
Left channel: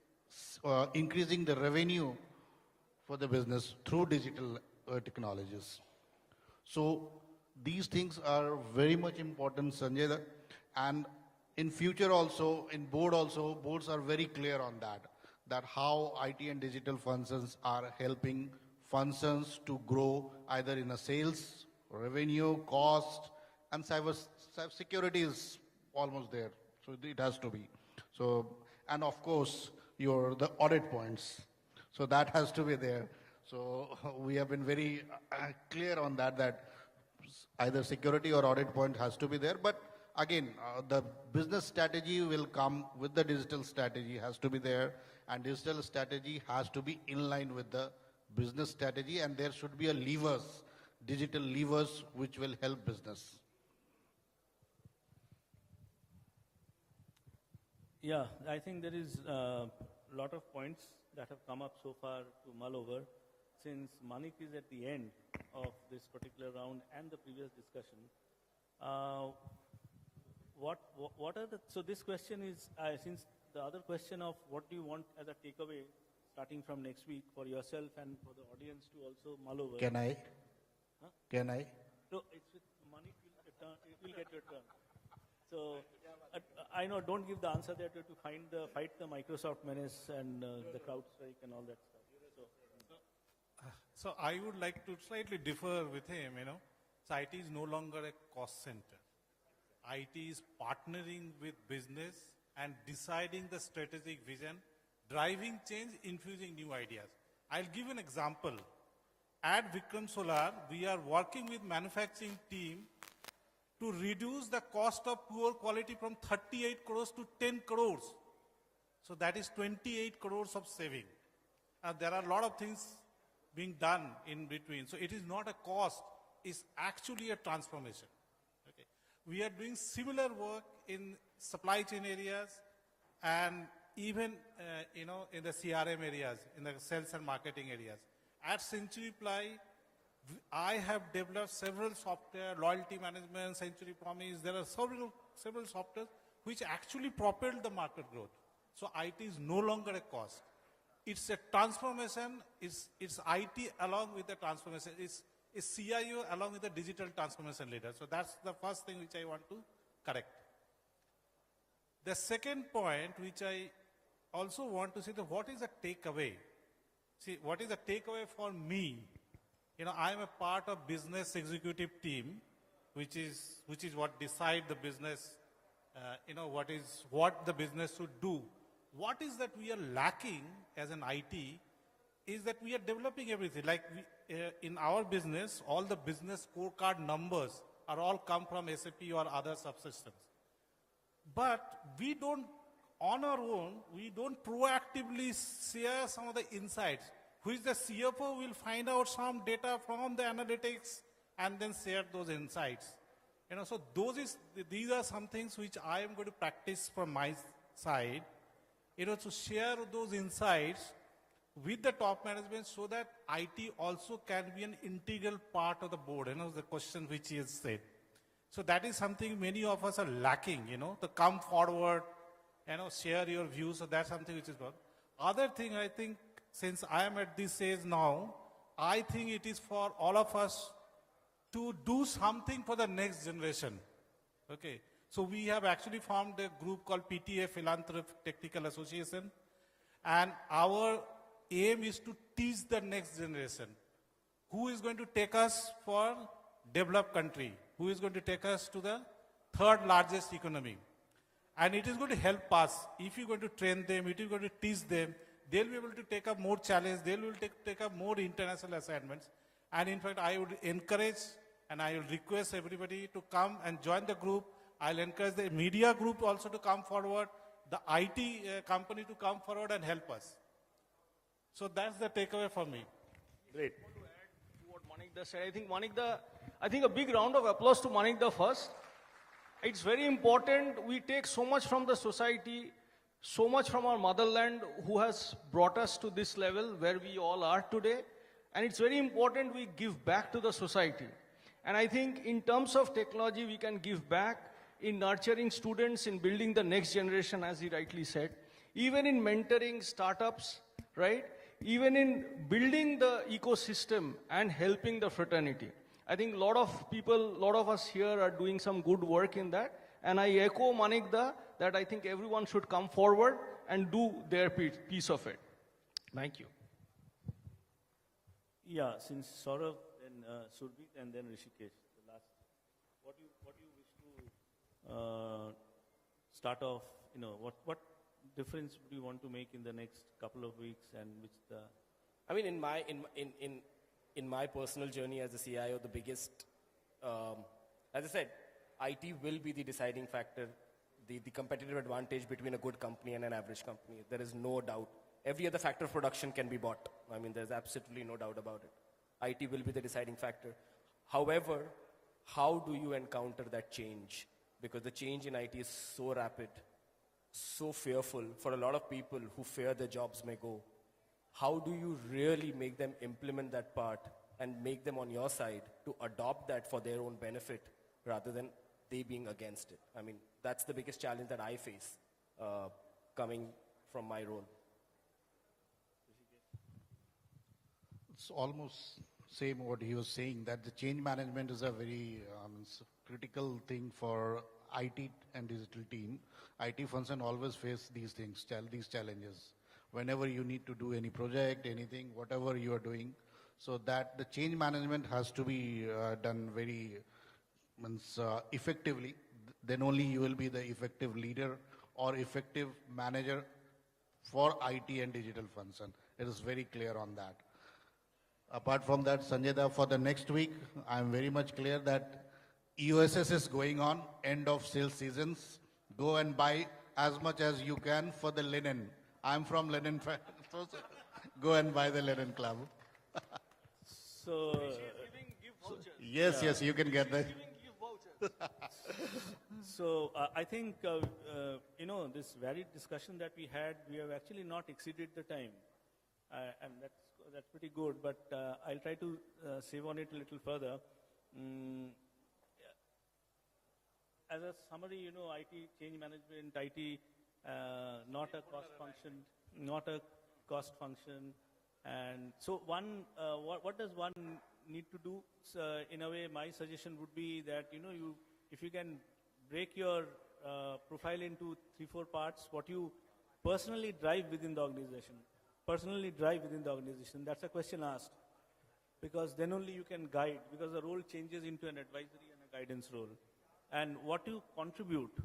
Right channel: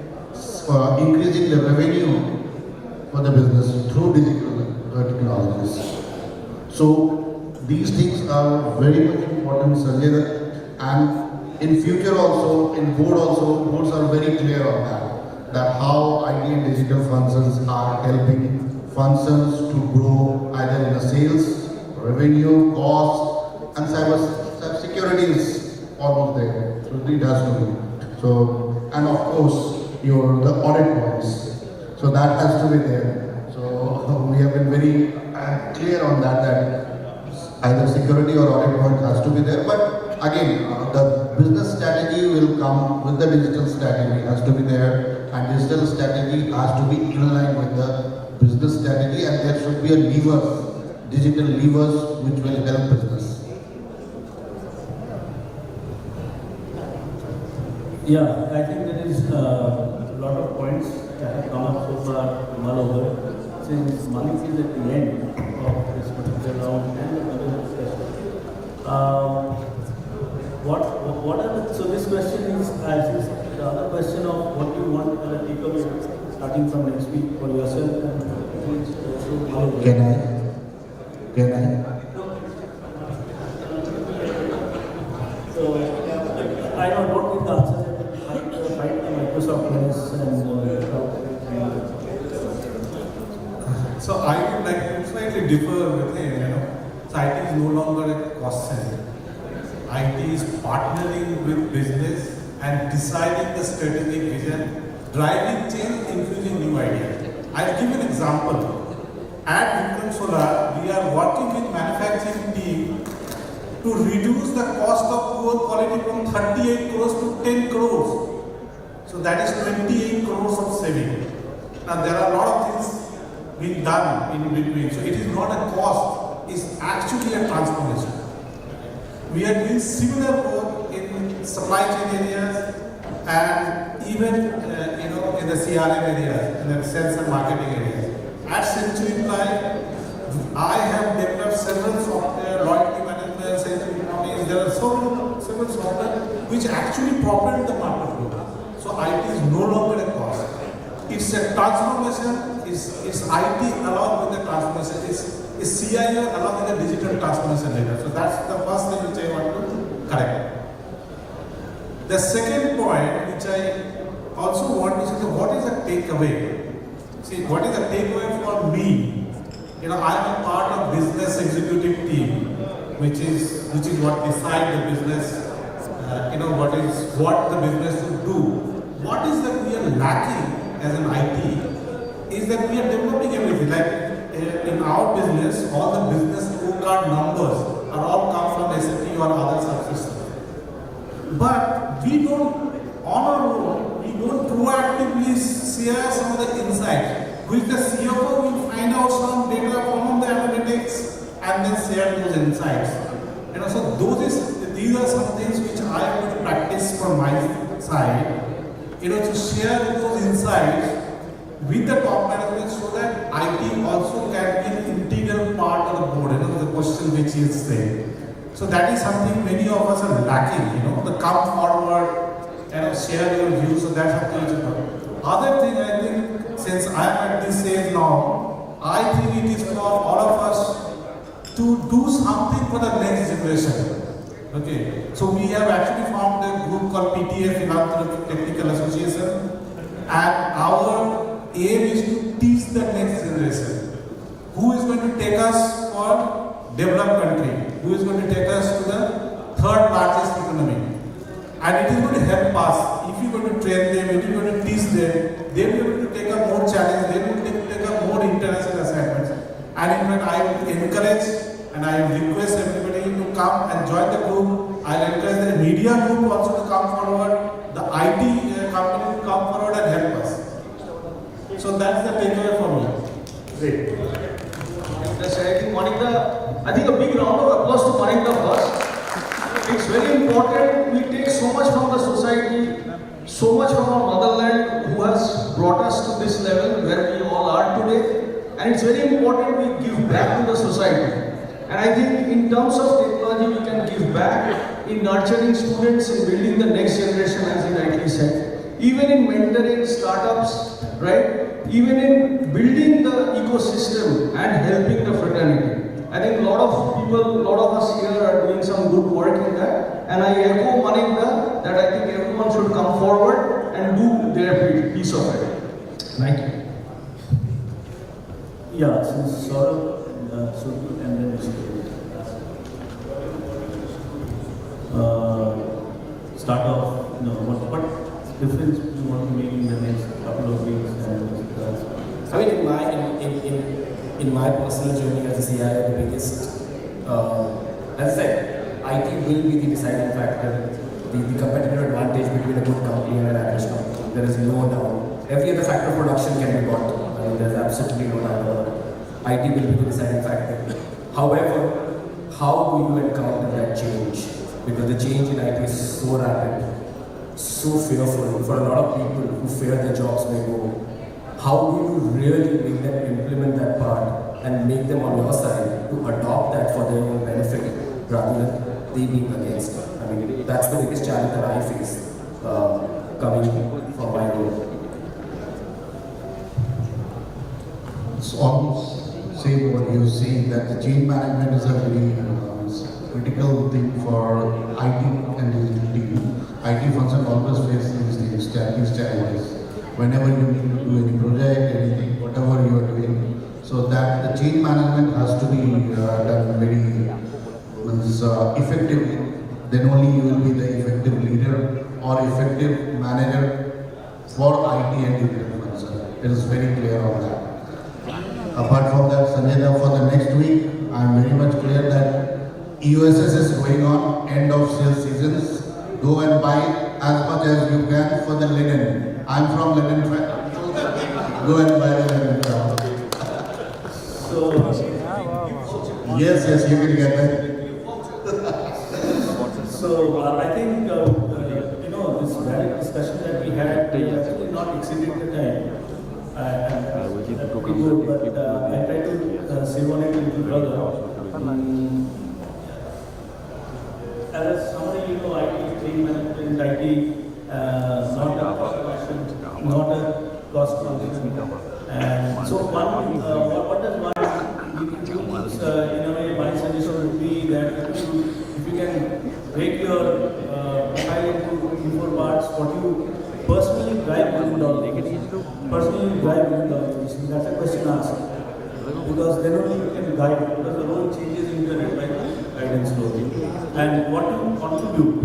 increasing the revenue for the business through digital technologies. So these things are very much important, Sanjay, and in future also, in boards are very clear on that how IT and digital functions are helping functions to grow either in the sales, revenue, cost, and cyber security is almost there. So it has to be. So, and of course, the audit points. So that has to be there. So we have been very clear on that either security or audit point has to be there. But again, the business strategy will come with the digital strategy has to be there, and digital strategy has to be in line with the business strategy, and there should be a digital levers which will help business. Yeah, I think there is a lot of points that have come up so far from all over. Since Manik is at the end of this particular round and the other discussion. So this question is the other question of what you want as a takeaway starting from next week for yourself and Can I? So I don't know what the answer is. Fight the Microsoft minutes and So I would like to slightly differ with him. So IT is no longer a cost center. IT is partnering with business and deciding the strategic vision, driving change, infusing new ideas. I'll give an example. At Vikram Solar, we are working with manufacturing team to reduce the cost of poor quality from 38 crores to 10 crores. So that is 28 crores of saving. Now there are a lot of things being done in between. So it is not a cost, it's actually a transformation. We are doing similar work in supply chain areas and even in the CRM areas, in the sales and marketing areas. At Century Ply, I have developed several software, loyalty management, Century Ply. There are several software which actually propelled the market growth. So IT is no longer a cost. It's a transformation. It's IT along with the transformation. It's CIO along with the digital transformation later. So that's the first thing which I want to correct. The second point which I also want to say, what is the takeaway? See, what is the takeaway for me? I'm a part of business executive team, which is what decide the business. What the business should do. What is that we are lacking as an IT is that we are developing everything. Like in our business, all the business scorecard numbers are all come from SAP or other subsystems. But we don't, on our own, we don't proactively share some of the insights, which the CFO will find out some data from the analytics and then share those insights. So these are some things which I would practice from my side, to share those insights with the top management so that IT also can be So that is something many of us are lacking, the come forward, share your views, so that's something which is important. Other thing I think, since I am at this stage now, I think it is for all of us to do something for the next generation. Okay, so we have actually formed a group called PTA, Philanthropic Technical Association, and our aim is to teach the next generation who is going to take us for developed country, who is going to take us to the third largest economy. And it is going to help us. If you are going to train them, if you are going to teach them, they will be able to take up more challenge, they will be able to take up more international assignments. And in fact, I will encourage and I will request everybody to come and join the group. I will encourage the media group also to come forward, the IT company to come forward and help us. So that's the takeaway for me. Great. I think a big round of applause to Monica first. It's very important. We take so much from the society, so much from our motherland who has brought us to this level where we all are today. And it's very important we give back to the society. And I think in terms of technology, we can give back in nurturing students, in building the next generation, as in rightly said. Even in mentoring startups, right? Even in building the ecosystem and helping the fraternity. I think a lot of people, a lot of us here are doing some good work in that. And I echo Manik that I think everyone should come forward and do their piece of it. Thank you. Yeah, since Sourav, Surbhit and then Rishikesh. Start off, what difference you want to make in the next couple of weeks? I mean, in my personal journey as a CIO, the biggest, as I said, IT will be the deciding factor, the competitive advantage between a good company and an average company. There is no doubt. Every other factor of production can be bought. I mean, there's absolutely no doubt about it. IT will be the deciding factor. However, how do you encounter that change? Because the change in IT is so rapid, so fearful for a lot of people who fear their jobs may go. How do you really make them implement that part and make them on your side to adopt that for their own benefit rather than they being against it? I mean, that's the biggest challenge that I face coming from my role. It's almost same what you're saying, that the change management is a very critical thing for IT and digital team. IT functions always face these challenges. Whenever you need to do any project, anything, whatever you are doing, so that the change management has to be done very effectively. Then only you will be the effective leader or effective manager for IT and digital functions. It is very clear on that. Apart from that, Sanjay, for the next week, I am very much clear that EOSS is going on, end of sales seasons. Go and buy as much as you can for the linen. I'm from linen factory. Go and buy the linen factory. Yes, you can get that. So I think this direct discussion that we had, we actually not exceeded the time. Pretty good, but I try to say one a little further. As somebody, IT, change management, IT, not a cost question, not a cost function. And so what does one do? In a way, my suggestion would be that if you can break your profile into 4 parts, what you personally drive within the organization. Personally drive within the organization. That's a question asked. Because then only you can guide, because the role changes in the guidance role. And what you contribute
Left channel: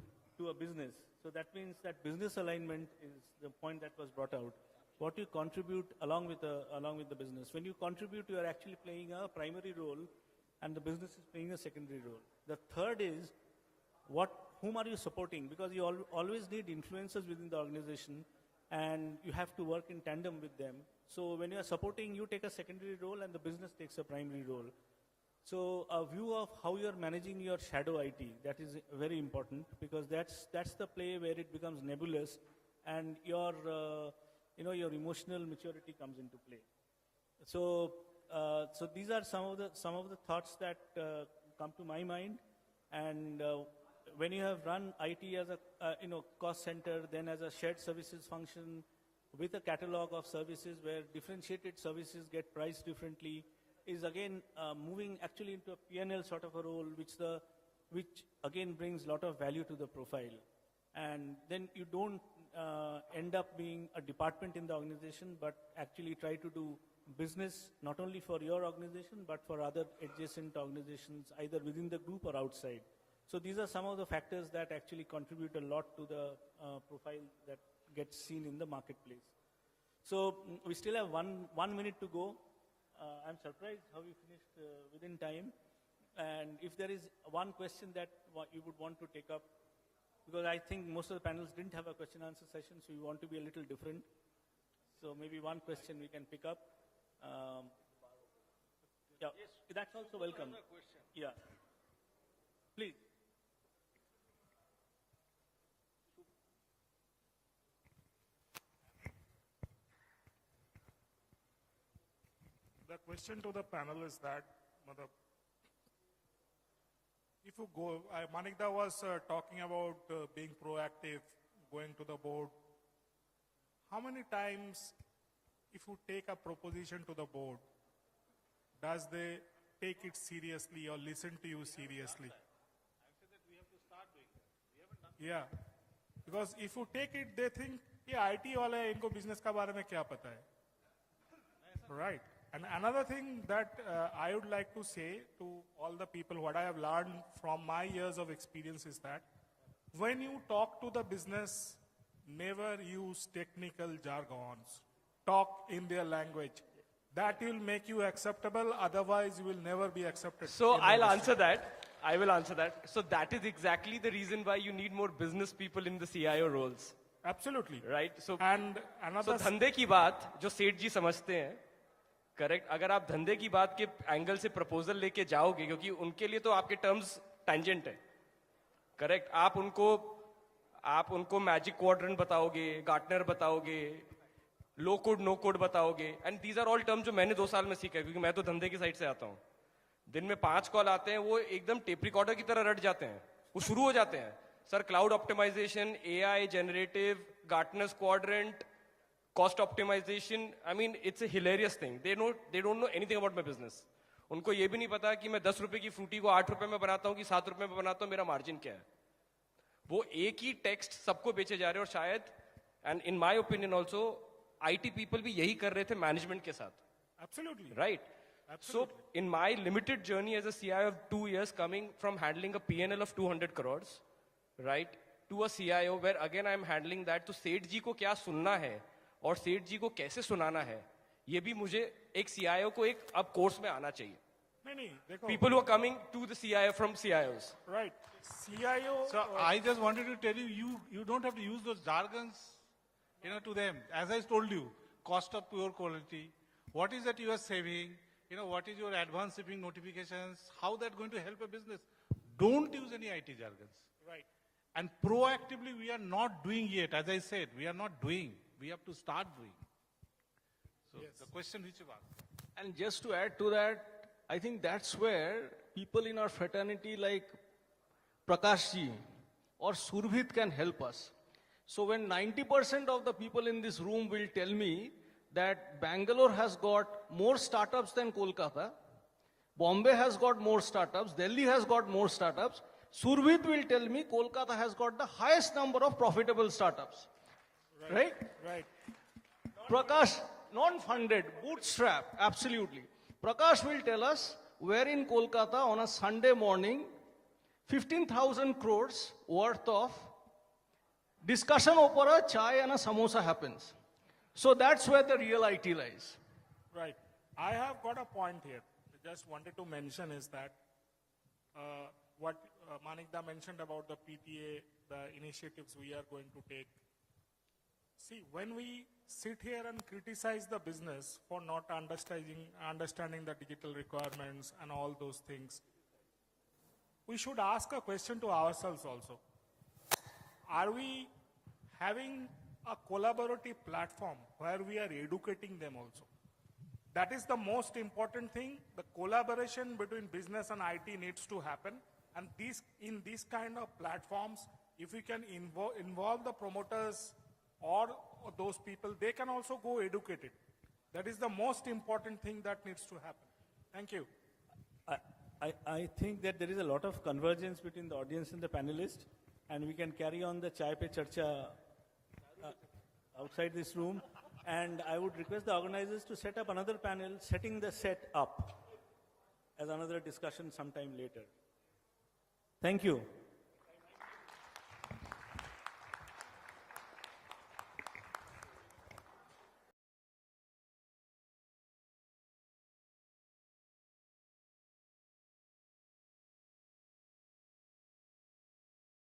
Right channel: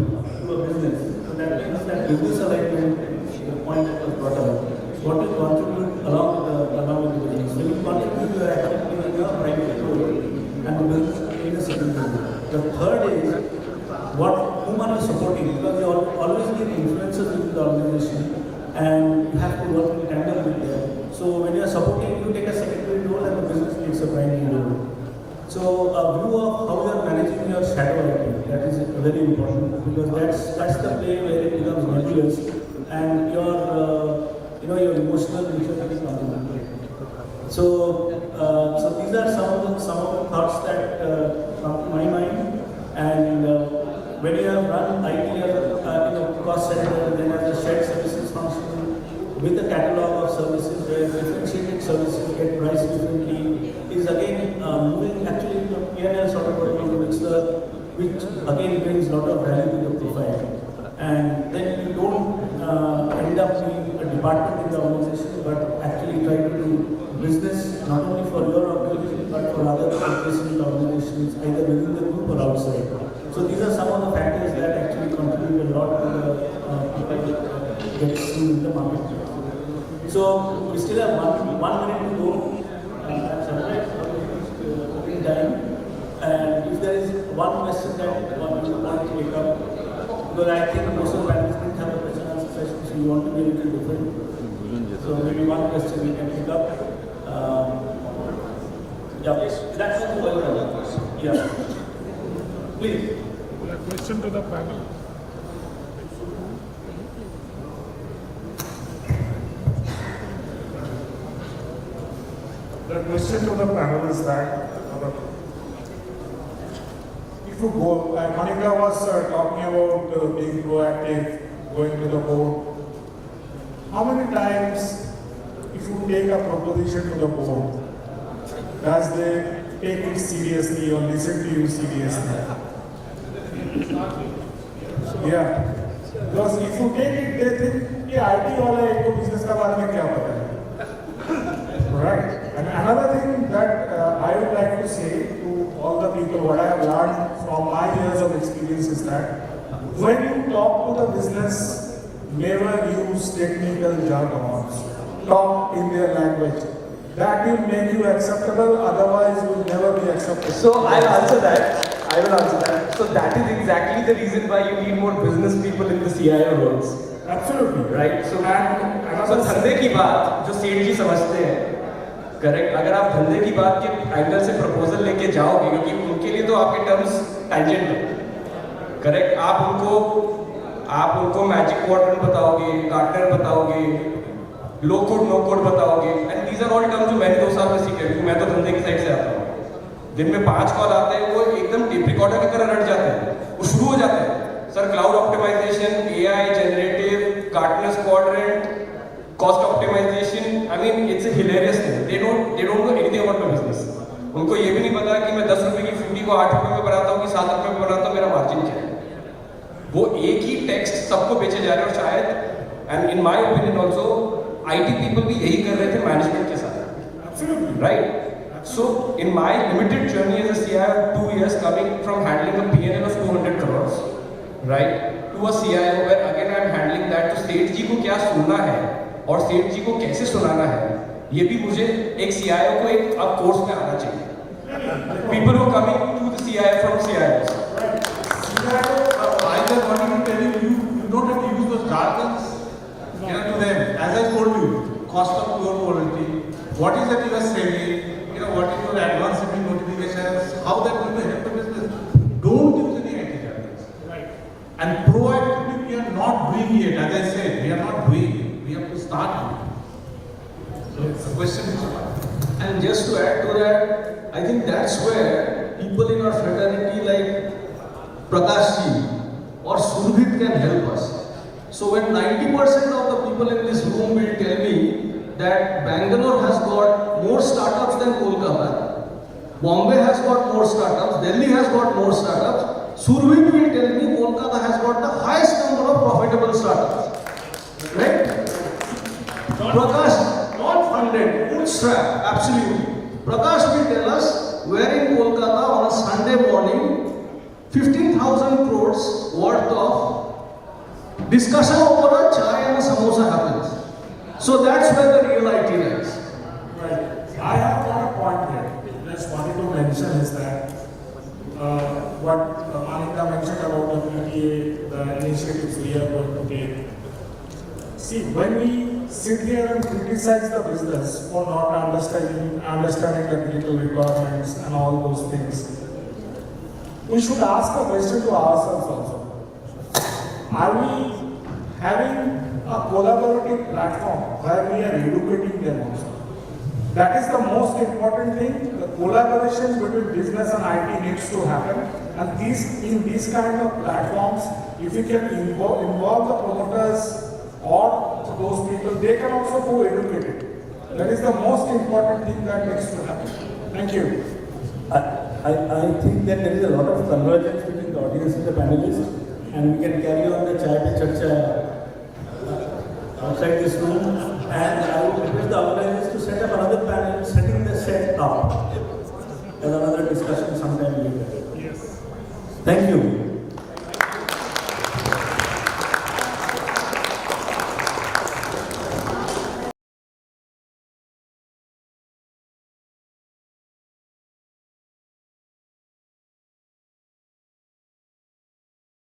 to a business, so that means that business alignment, the point that was brought up, what you contribute along with the business. When you contribute, you are actually in your private role and the business in a certain role. The third is whom are you supporting, because you always need influencers within the organization and you have to work in tandem with them. So when you are supporting, you take a secondary role and the business takes a primary role. So a view of how you are managing your shadow IT, that is very important, because that's the play where it becomes nebulous and your emotional nature is contributed. So these are some of the thoughts that come to my mind, and or outside. So these are some of the factors that actually contribute a lot to the people get seen in the market. So we still have one minute to go. Time. And if there is one question that one you want to take up, because I think most of the panelists didn't have a question and answer session, so you want to be a little different. So maybe one question we can pick up. Yeah, that's the welcome. Yeah. Please. A question to the panel. The question to the panel is that if you go, Manik was talking about being proactive, going to the board. How many times, if you take a proposition to the board, does they take it seriously or listen to you seriously? Yeah, because if you take it, they think कि IT वाला एक को business का बारे में क्या पता है? Right. And another thing that I would like to say to all the people, what I have learned from my years of experience is that when you talk to the business, never use technical jargons. Talk in their language. That will make you acceptable, otherwise you will never be acceptable. So I'll answer that. I will answer that. So that is exactly the reason why you need more business people in the CIO roles. Absolutely. Right. So and धंधे की बात जो state की समझते हैं, correct. अगर आप धंधे की बात के एंगल से प्रपोजल लेके जाओगे, क्योंकि उनके लिए तो आपके टर्म्स टेंजेंट है, करेक्ट. आप उनको मैजिक क्वाड्रेंट बताओगे, गार्टनर बताओगे, लो कोड नो कोड बताओगे, and these are all terms जो मैंने 2 साल में सीखे, क्योंकि मैं तो धंधे की साइड से आता हूँ. दिन में 5 कॉल आते हैं, वो एकदम टेप रिकॉर्डर की तरह रट जाते हैं, वो शुरू हो जाते हैं. Sir cloud optimization, AI, generative, Gartner's quadrant, cost optimization. I mean, it's a hilarious thing. They don't know anything about my business. उनको ये भी नहीं पता कि मैं 10 रुपए की फूटी को 8 रुपए में बनाता हूँ कि 7 रुपए में बनाता हूँ, मेरा मार्जिन क्या है. वो एक ही टेक्स्ट सबको बेचे जा रहे हैं, और शायद, and in my opinion also, IT people भी यही कर रहे थे मैनेजमेंट के साथ. absolutely. Right? So, in my limited journey as a CIO, 2 years coming from handling a P&L of 200 crores, right, to a CIO where again I am handling that, तो state जी को क्या सुनना है और सेठ जी को कैसे सुनाना है, ये भी मुझे एक CIO को एक अब कोर्स में आना चाहिए. People who are coming to the CIO from CIOs. CIO, I just wanted to tell you, you don't have to use those jargons to them. As I told you, cost of pure quality, what is that you are selling, what is your advance shipping notifications, how that going to help the business. Don't use any IT jargons. Right. And proactively, we are not doing it. As I said, we are not doing it. We have to start it. So it's a question. And just to add to that, I think that's where people in our fraternity like Prakash ji or Surbhit can help us. So when 90% of the people in this room will tell me that Bangalore has got more startups than Kolkata, Bombay has got more startups, Delhi has got more startups, Surbhit will tell me Kolkata has got the highest number of profitable startups. Right? Prakash, not funded, bootstrap, absolutely. Prakash will tell us where in Kolkata on a Sunday morning, 15,000 crores worth of discussion over a chai and a samosa happens. So that's where the real IT lies. Right. I have got a point here. Just wanted to mention is that what Manik mentioned about the PTA, the initiatives we are going to take. See, when we sit here and criticize the business for not understanding the critical requirements and all those things, we should ask a question to ourselves also. Are we having a collaborative platform where we are educating them also? That is the most important thing. The collaboration between business and IT needs to happen. And in these kind of platforms, if you can involve the promoters or those people, they can also go educated. That is the most important thing that needs to happen. Thank you. I think that there is a lot of convergence between the audience and the panelists, and we can carry on the chai pe charcha outside this room. And I would request the organizers to set up another panel, setting the set up, and another discussion sometime later. Yes. Thank you.